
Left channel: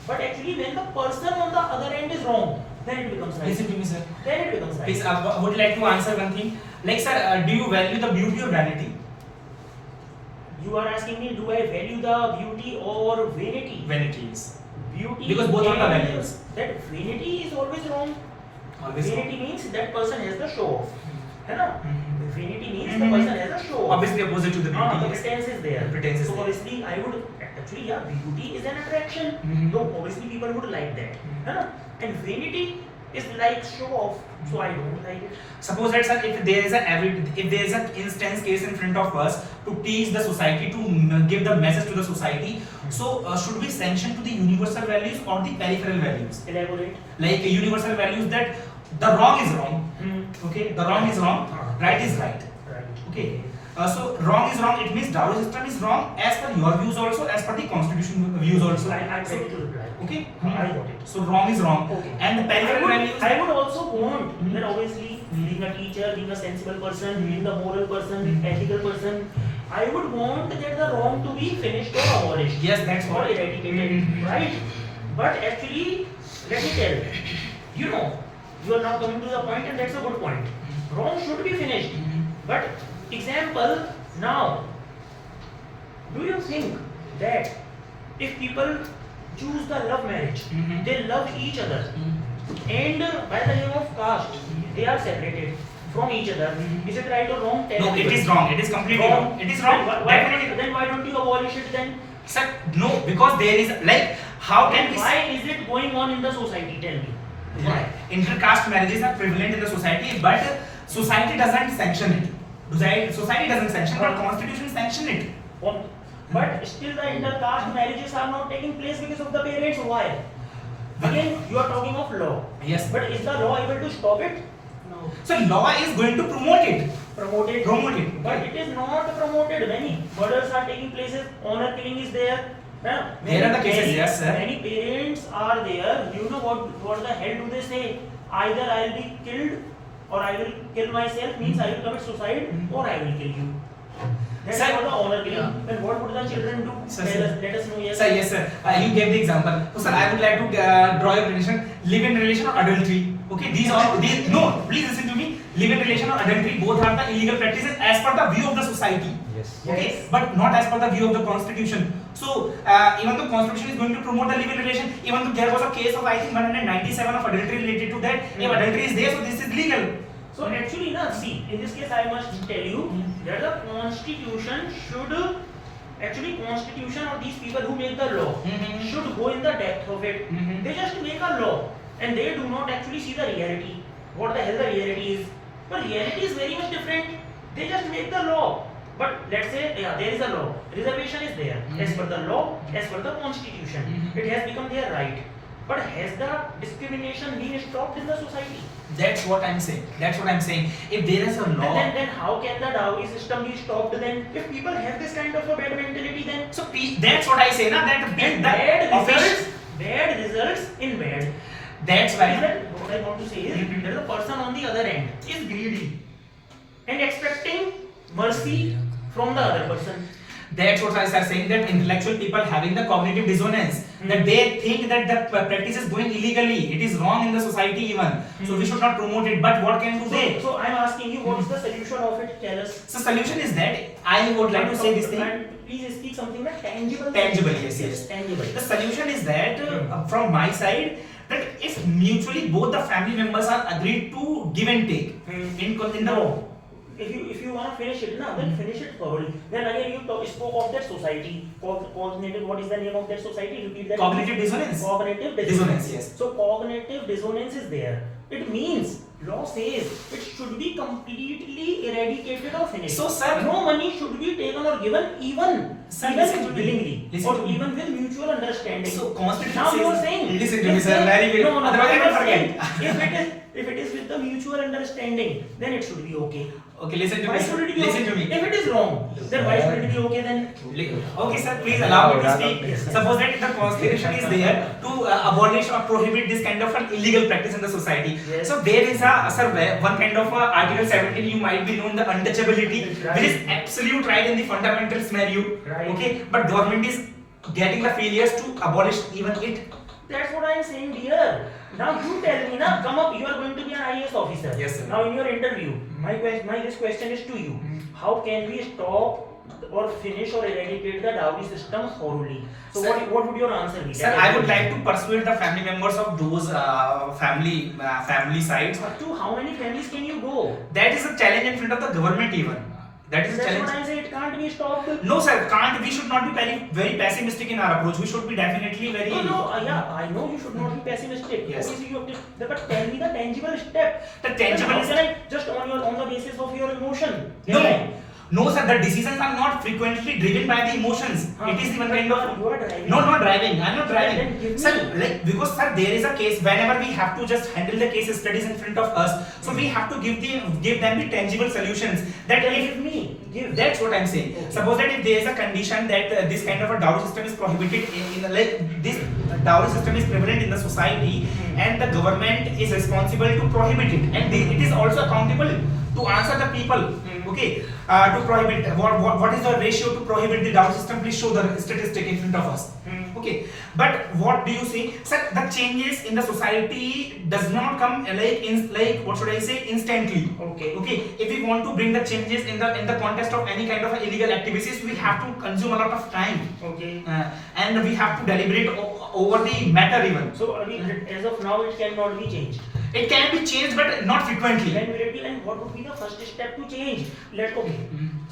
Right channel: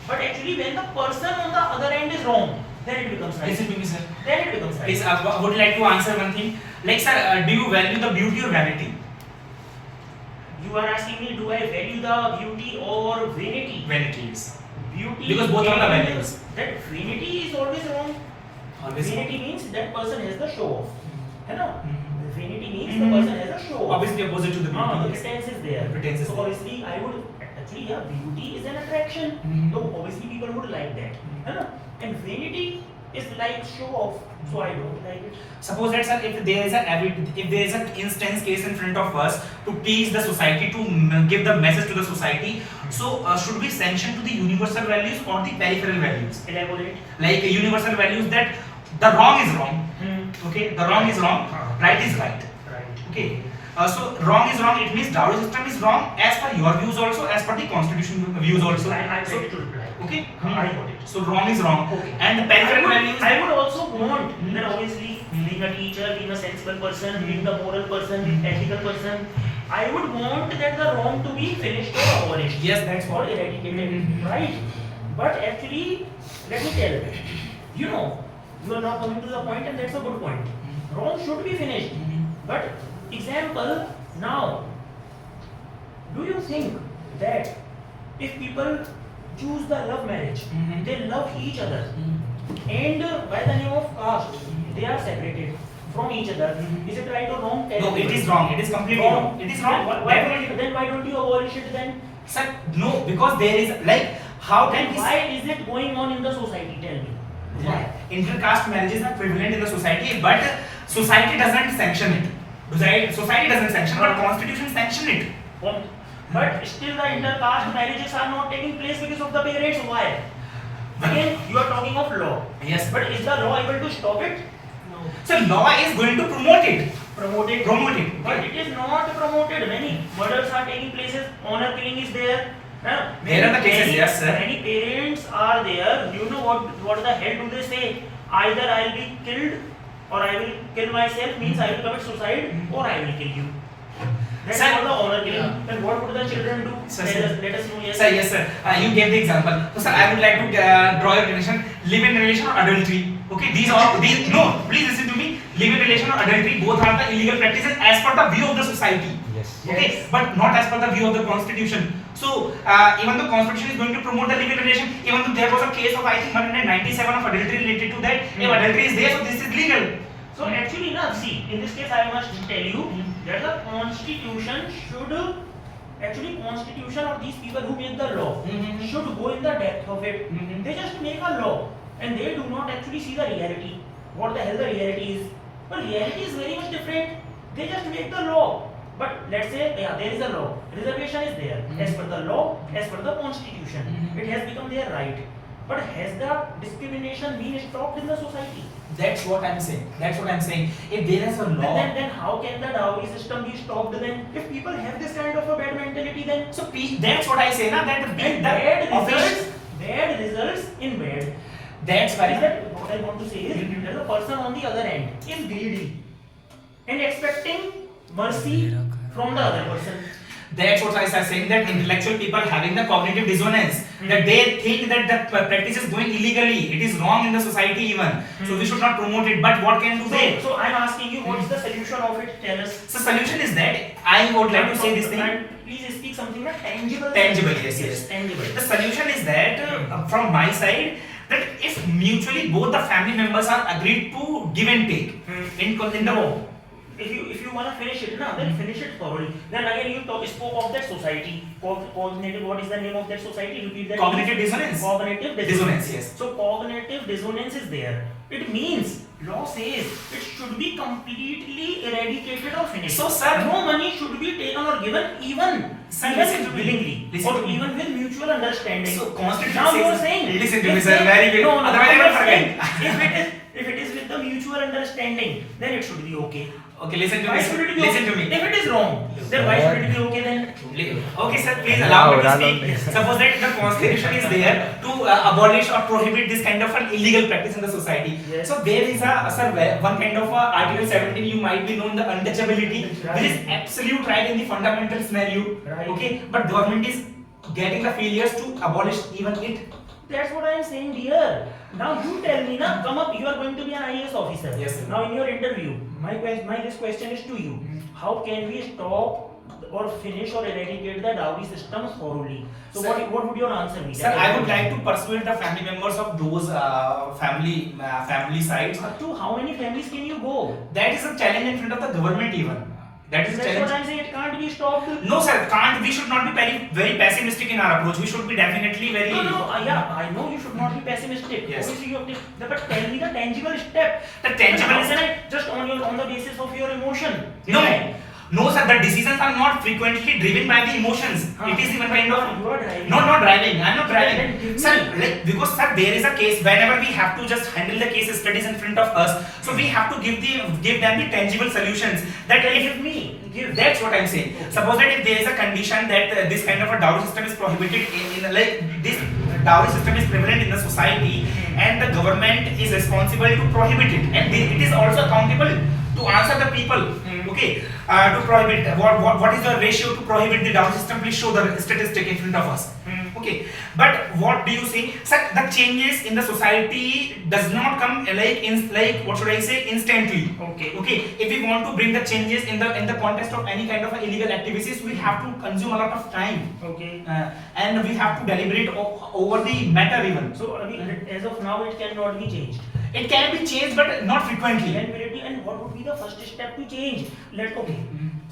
But actually when the person on the other end is wrong, then it becomes right. Listen to me, sir. Then it becomes right. Please, I would like to answer one thing. Like, sir, do you value the beauty or vanity? You are asking me, do I value the beauty or vanity? Vanity is. Beauty. Because both are the vanity, values. That vanity is always wrong. Always. Vanity means that person has the show off. है ना? Vanity means the Mhm. person has a show off. Obviously opposite to the beauty. The yes. pretense is there. Pretense is so there. obviously I would actually beauty is an attraction. Mhm. So obviously people would like that. है ना? And vanity is like show off. So I don't like it. Suppose that, sir, if there is an instance case in front of us to teach the society, to give the message to the society, so should we sanction to the universal values or the peripheral values? Elaborate. Like universal values that the wrong is wrong. Okay, the wrong is wrong, right is right. Right. Okay, so wrong is wrong. It means dowry system is wrong as per your views also, as per the constitution views also. I'm So, ready to reply. okay, I got it. so wrong is wrong. Okay. And the peripheral values. I would also want that obviously being a teacher, being a sensible person, being a moral person, being ethical person, I would want that the wrong to be finished or abolished. Yes, that's Or what. eradicated, right? But actually, let me tell you know, you are now coming to the point, and that's a good point. Wrong should be finished. But example now, do you think that if people choose the love marriage, they love each other, and by the name of caste, they are separated from each other? Is it right or wrong? Tell No, it everybody. is wrong. It is completely wrong. It is wrong. Then why don't you abolish it then? Sir, no, because there is like how can Then we why is it going on in the society? Tell me. Why? intercaste marriages are prevalent in the society, but society doesn't sanction it. Society doesn't sanction, but constitution sanction it. But still the intercaste marriages are not taking place because of the parents. Why? Again, you are talking of law. Yes, But is the law able to stop it? No. so law is going to promote it. Promote it. Promote it. But it is not promoted. Many murders are taking places. Honor killing is there. There are the cases, yes, sir. Many parents are there. You know what the hell do they say? Either I will be killed or I will kill myself. Means I will commit suicide or I will kill you. That's Sir, what the honor killing. And what would the children do? Sir, Let us know. Yes. Sir, yes, sir. You gave the example. So, sir, I would like to draw your relation: live-in relation or adultery. Okay, these no. Please listen to me. Live-in relation or adultery, both are the illegal practices as per the view of the society. Yes. Okay, Yes. but not as per the view of the constitution. So even the constitution is going to promote the living relation, even though there was a case of I think 197 of adultery related to that. If adultery is there, so this is legal. So actually, na, see, in this case, I must tell you that the constitution should actually constitution or these people who make the law should go in the depth of it. They just make a law and they do not actually see the reality. What the hell the reality is? But reality is very much different. They just make the law. But let's say, yeah, there is a law. Reservation is there as per the law, as per the constitution. It has become their right. But has the discrimination been stopped in the society? That's what I'm saying. That's what I'm saying. If there is a law, Then how can the dowry system be stopped then? If people have this kind of a bad mentality, then so that's what I say, na, that and bad results in bad. That's Is why. that what I want to say is that the person on the other end is greedy and expecting mercy from the other person. That's what I was saying, that intellectual people having the cognitive dissonance, that they think that the practice is going illegally, it is wrong in the society even, so we should not promote it. But what can do they? So I'm asking you, what is the solution of it? Tell us. So solution is that I would like to say this thing. And please speak something that tangible. Tangible, yes. Tangible. The solution is that from my side, that if mutually both the family members are agreed to give and take in the No. If you wanna finish it now, then finish it thoroughly. Then again you spoke of that society. Cognitive. What is the name of that society? Repeat that. cognitive dissonance. Cognitive Dissonance, yes. So cognitive dissonance is there. It means law says it should be completely eradicated or finished. So, sir, no money should be taken or given even Sir, listen to me. willingly Listen or to me. even with mutual understanding. So constitution now says, you are saying. listen to me, sir, very good. No, Otherwise I you will are saying forget. if it is with the mutual understanding, then it should be okay. Okay, listen to Why me. should it be Listen okay? to me. If it is wrong, then why should it be okay then? Okay, sir, please allow me to speak. Suppose that the constitution is there to abolish or prohibit this kind of an illegal practice in the society. Yes. So there is one kind of Article 17, you might be known the untouchability, Right. which is absolute right in the fundamental scenario. Right. Okay, but government is getting the failures to abolish even it. That's what I am saying, dear. Now you tell me, now come up. You are going to be an IAS officer. Yes, sir. Now in your interview, my this question is to you. How can we stop or finish or eradicate the dowry system thoroughly? So Sir, what would your answer be? Sir, I would like to persuade the family members of those family sides. But to how many families can you go? That is a challenge in front of the government even. That is a That's challenge. what I'm saying. It can't be stopped. No, sir, can't. We should not be very pessimistic in our approach. We should be definitely very. No, yeah, I know you should not be pessimistic. Yes. Obviously, you have to, but tell me the tangible step. The tangible How is can I just on the basis of your emotion? No, sir. The decisions are not frequently driven by the emotions. It is even kind of. You are driving. No, not driving. I'm not Then driving. give Sir, me. because sir, there is a case whenever we have to just handle the case studies in front of us. So we have to give them the tangible solutions. That Then if give me. Give. That's what I'm saying. Okay. Suppose that if there is a condition that this kind of a dowry system is prohibited in like this dowry system is prevalent in the society and the government is responsible to prohibit it and it is also accountable to answer the people. Okay, to prohibit what is the ratio to prohibit the dowry system? Please show the statistic in front of us. Okay, but what do you say, sir? The changes in the society does not come like what should I say instantly. Okay, if we want to bring the changes in the context of any kind of illegal activities, we have to consume a lot of time. Okay. And we have to deliberate over the matter even. So I mean, as of now, it cannot be changed. It can be changed, but not frequently. Then will it be? And what would be the first step to change?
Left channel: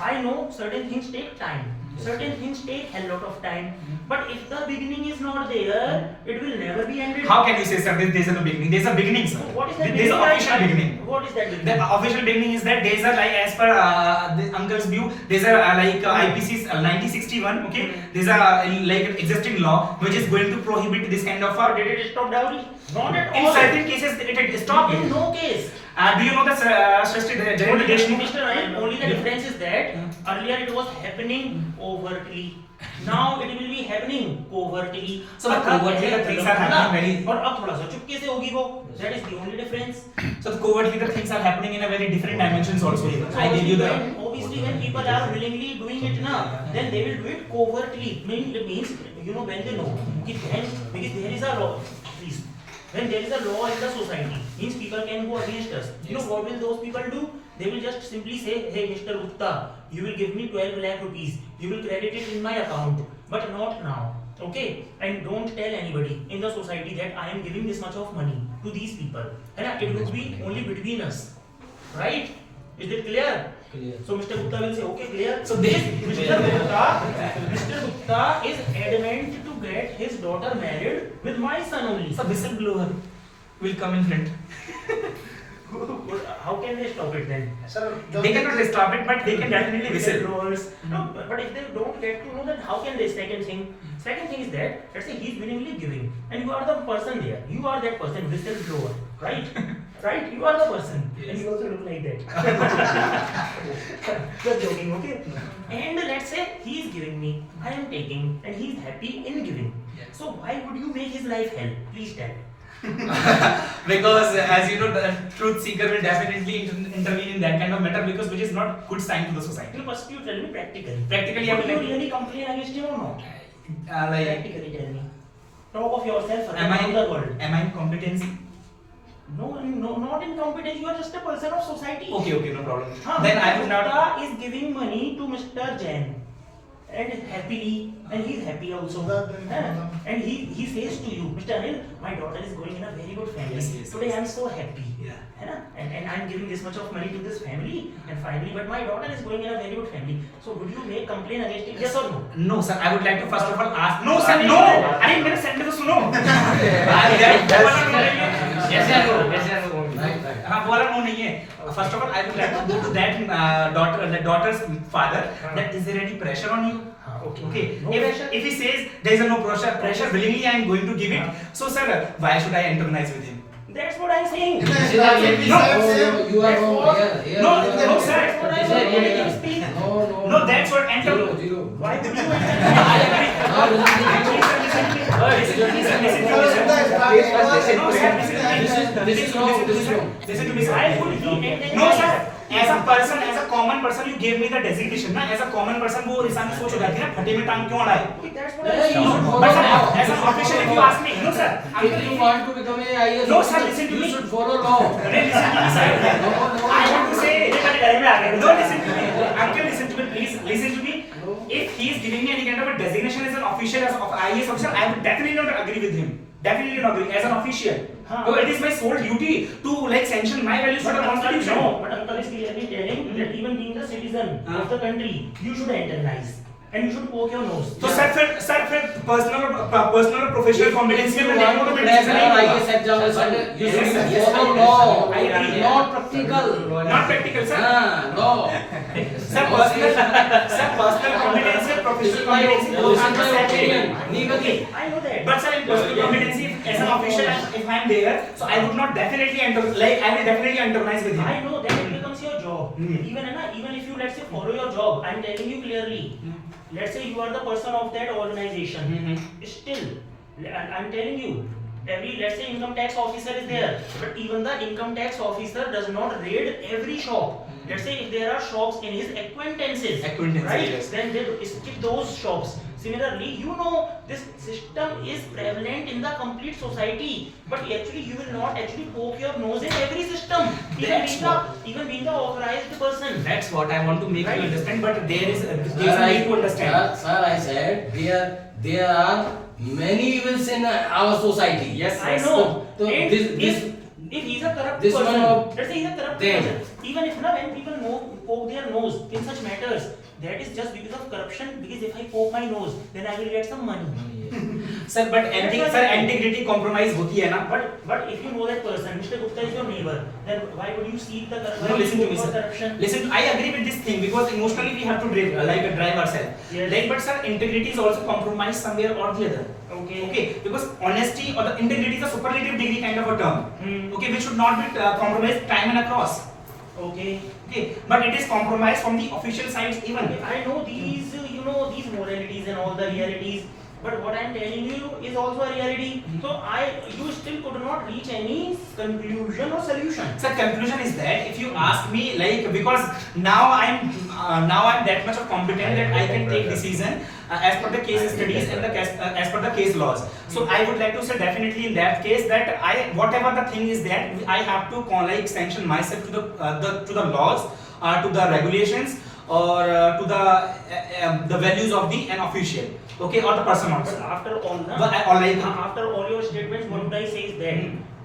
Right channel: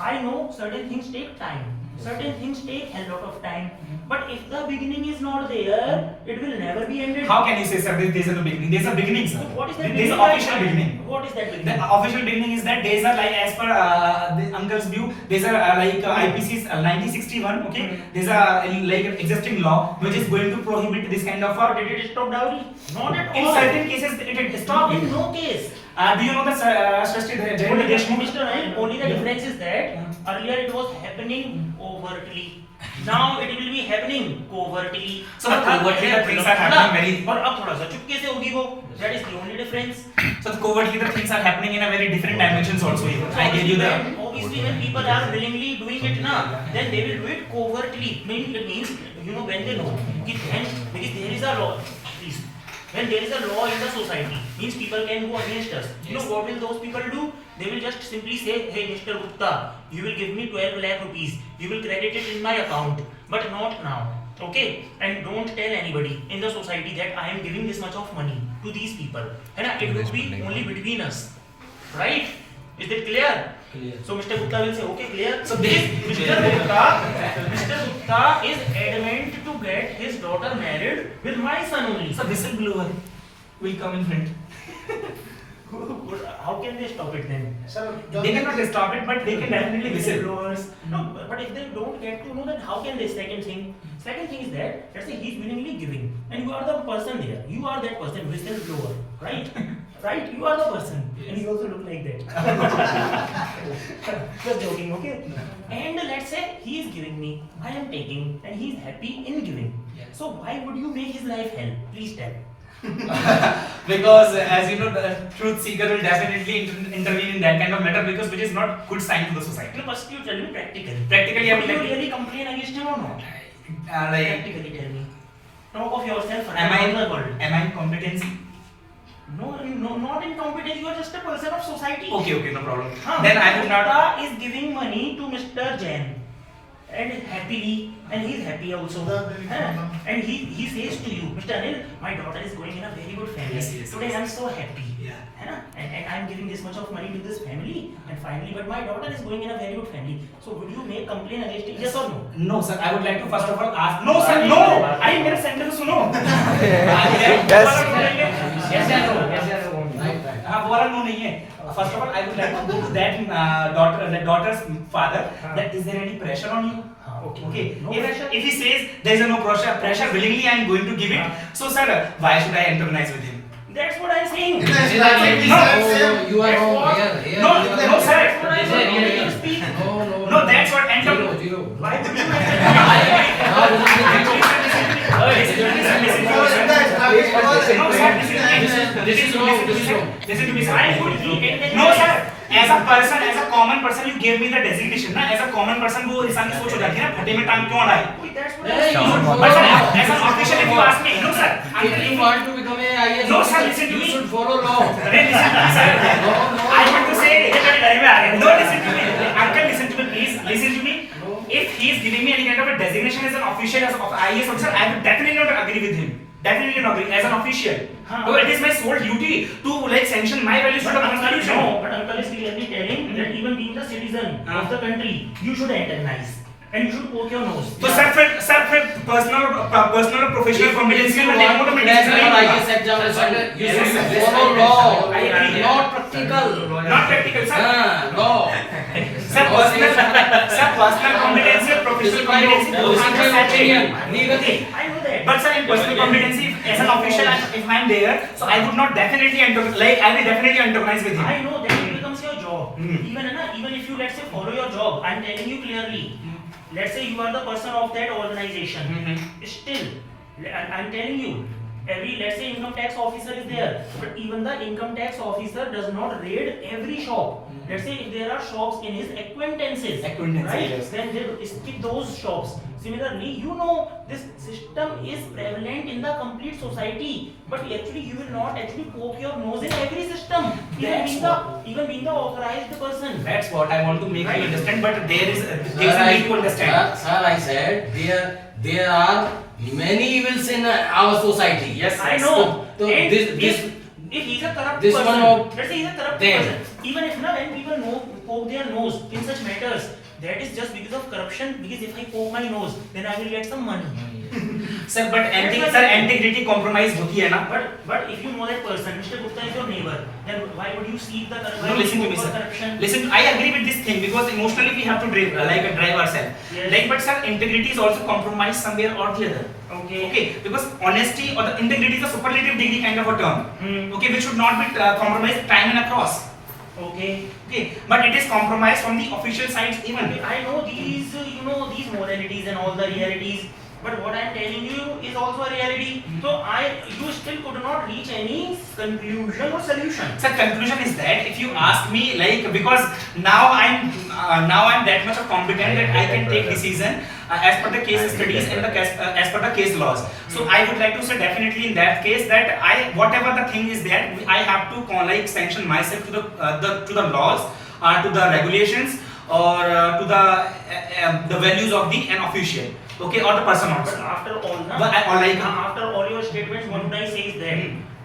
I know certain things take time. Certain things take a lot of time. But if the beginning is not there, it will never be ended. How can you say, sir, there is no beginning? There is a beginning, sir. So what is that There is beginning? an official beginning. What is that The beginning? official beginning is that there is a like as per the uncle's view, there is a IPC 1961. Okay, there is a like existing law which is going to prohibit this kind of. Did it stop dowry? Not at all. In certain cases, it stopped. In no case. Do you know the Designation? Mr. Ryan, only the difference is that earlier it was happening overtly. Now it will be happening covertly. So the covertly the things are happening very. और अब थोड़ा सा चुपके से होगी वो. That is the only difference. So the covertly the things are happening in a very different dimensions also. Even. I gave you the. Obviously when people are willingly doing it now, then they will do it covertly. It means when they know because there is a law. Please. When there is a law in the society, means people can go against us. You know what will those people do? They will just simply say, hey Mr. Gupta, you will give me 12 lakh rupees. You will credit it in my account. but not now. Okay, and don't tell anybody in the society that I am giving this much of money to these people. है ना? It would be only between us, right? Is it clear? Clear. So Mr. Gupta will say, okay, clear. So this Mr. Gupta is adamant to get his daughter married with my son only. So whistleblower will come in front. How can they stop it then? Sir, They cannot stop it, but they can definitely whistle. Whistleblowers. No, but if they don't get to know, then how can they? Second thing is that, let's say he's willingly giving, and you are the person there. You are that person, whistleblower, right? Right? You are the person, and you also look like that. Just joking, okay? And let's say he is giving me, I am taking, and he is happy in giving. Yes. So why would you make his life hell? Please tell. Because as you know, the truth seeker will definitely intervene in that kind of matter, because which is not good sign to the society. No, first you tell me practically. Practically, I Would would you like to- really complain against him or not? Like, Practically tell me. Talk of yourself am I around the world. in competency? No, not incompetent. You are just a person of society. Okay, no problem. Huh. Then I would not. Gupta is giving money to Mr. Jain, and happily, and he is happy also. And he says to you, Mr. Anil, my daughter is going in a very good family. Yes. Today I am so happy. Yeah. And I am giving this much of money to this family, and finally, but my daughter is going in a very good family. So would you make complaint against it? Yes or no? No, sir. I would like to first of all ask. No, sir. No. I मेरे sentence सुनो. Yes or no? Yes or no? हाँ वो वाला no नहीं है. First of all, I would like to go to that daughter's father. That is there any pressure on you? Okay. No pressure. If he says there is no pressure, willingly I am going to give it. So sir, why should I antagonize with him? That's what I am saying. You are wrong. Here, No, you are no, wrong. sir. That's what I This is am reality. speak. No, that's what Zero. Why would you This is wrong. Listen to me, sir. Why would he No, sir. As a common person, you gave me the designation, ना? As a common person, वो इंसान की सोच हो जाती है ना, फटे में टांग क्यों अड़ाए? That's what I Hey, am you saying. should follow But sir, law. as an official, if you ask me, no, sir. If you want to become a IAS No, sir, officer, listen to you me. should follow law. Then listen to me, sir. No. I want to say, ये मेरी life में आ गया। no, listen to me. Uncle, listen to me, please. Listen to me. If he is giving me any kind of a designation as an official, as of IAS officer, I would definitely not agree with him. Definitely not agree as an official. So it is my sole duty to like sanction my values to But the uncle, constitution. no, but uncle is clearly telling that even being the citizen of the country, you should antagonize and you should poke your nose. So sir, personal or professional competency If will you take want more to crack an IAS examination, you should follow law. I agree. Not practical. Not practical, sir. Law. Sir, personal competency or professional competency goes This is under my statute. opinion. Legally. I know that. But sir, in personal competency, as an official, if I am there, so I would not definitely I will definitely antagonize with him. I know that it becomes your job. Hmm. Even if you let's say follow your job, I'm telling you clearly. Let's say you are the person of that organization. Still, I'm telling you. Let's say income tax officer is there, but even the income tax officer does not raid every shop. Let's say if there are shops in his acquaintances, right? Yes. Then they stick those shops. Similarly, you know this system is prevalent in the complete society, but actually you will not actually poke your nose in every system, even being the authorized person. That's what I want to make Right. you understand. But there is a Sir, need to understand. Sir, I said there are many evils in our society. Yes, I know. So And this if he's a corrupt this person, one of let's say he's a corrupt them. person, even if now when people poke their nose in such matters, that is just because of corruption. Because if I poke my nose, then I will get some money. Sir, but integrity compromise होती है ना? But if you know that person, Mr. Gupta is your neighbor, then why would you seek the No, listen to me, sir. corruption? Listen, I agree with this thing because emotionally we have to drive ourselves. Yes. But sir, integrity is also compromised somewhere or the other. Okay, because honesty or the integrity is a superlative degree kind of a term. Okay, which should not be compromised time and across. Okay, but it is compromised from the official sides even. I know these, these moralities and all the realities. But what I am telling you is also a reality. So you still could not reach any conclusion or solution. Sir, conclusion is that if you ask me, like, because now I'm that much of competent that I can take decision as per the case studies and as per the case laws. So I would like to say definitely in that case that whatever the thing is that I have to sanction myself to the laws, to the regulations, or to the values of the an official, okay, or the person But also. after all, na, But already after all your statements, what would I say is that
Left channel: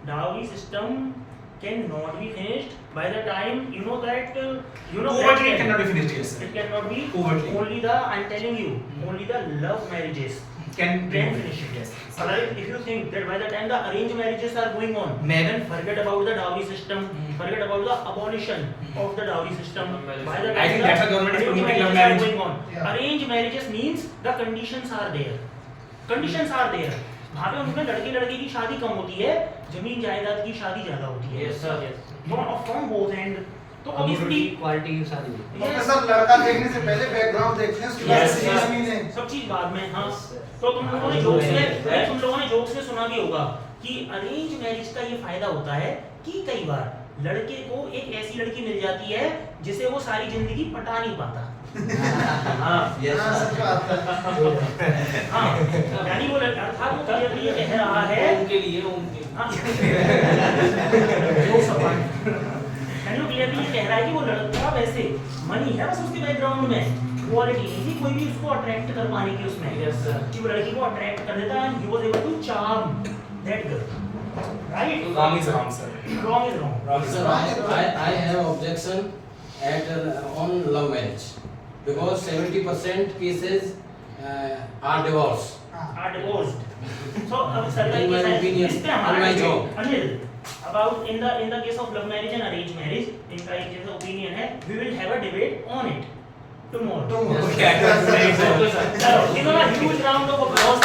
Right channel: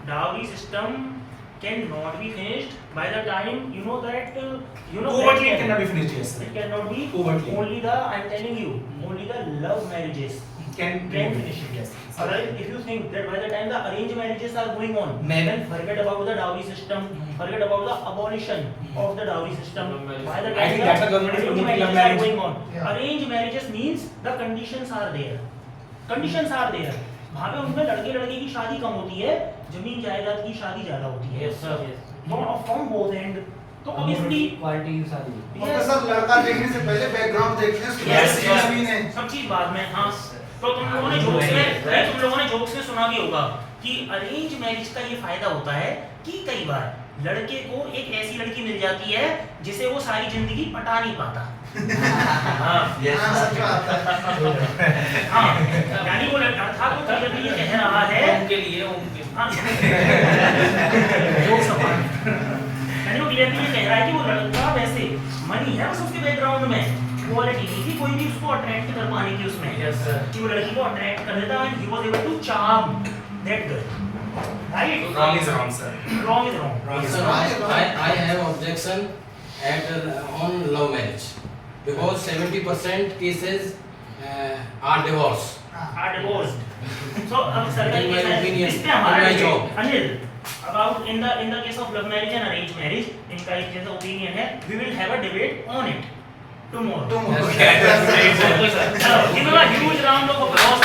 dowry system cannot be finished by the time you know that covertly it cannot be finished, yes, It cannot be Covertly. only the I'm telling you only the love marriages can finish it. yes. Otherwise, if you think that by the time the arranged marriages are going on, then forget about the dowry system, forget about the abolition of the dowry system. By the I time think the that's why government is arranged promoting love marriages are marriage. going on. Yeah. Arranged marriages means the conditions are there. Conditions are there. वहाँ पे उनमें लड़के लड़के की शादी कम होती है, जमीन जायदाद की शादी ज्यादा होती है। Yes, sir. From both end. तो obviously क्वालिटी की शादी प्रोफेसर लड़का देखने से पहले बैकग्राउंड देखते हैं उसके बाद Yes, कितनी yes. जमीन है। सब चीज बाद में। हाँ, तो तुम लोगों ने जोक्स में सुना भी होगा कि अरेंज मैरिज का ये फायदा होता है कि कई बार लड़के को एक ऐसी लड़की मिल जाती है जिसे वो सारी जिंदगी पटा नहीं पाता। हाँ, हाँ, सच बात है। हाँ, यानी वो अर्थात वो क्लियरली ये कह रहा है उनके लिए उनके हाँ, वो सवाल यानी वो क्लियरली ये कह रहा है कि वो लड़का वैसे मनी है बस उसके बैकग्राउंड में क्वालिटी नहीं थी, कोई भी उसको अट्रैक्ट कर पाने की उसमें। Yes, sir. कि वो लड़की को अट्रैक्ट कर देता है, he was able to charm that girl, right? Wrong is wrong, sir. Wrong is wrong. Wrong is Sir, wrong. I have objection on love marriage because 70% cases are divorce. Are divorced. So sir, In my opinion, इस पे हमारा in my debate, job. Anil, about in the case of love marriage and arranged marriage, इनका एक जैसा opinion है, we will have a debate on it tomorrow. तुम Okay. चलो, give him a huge round of applause.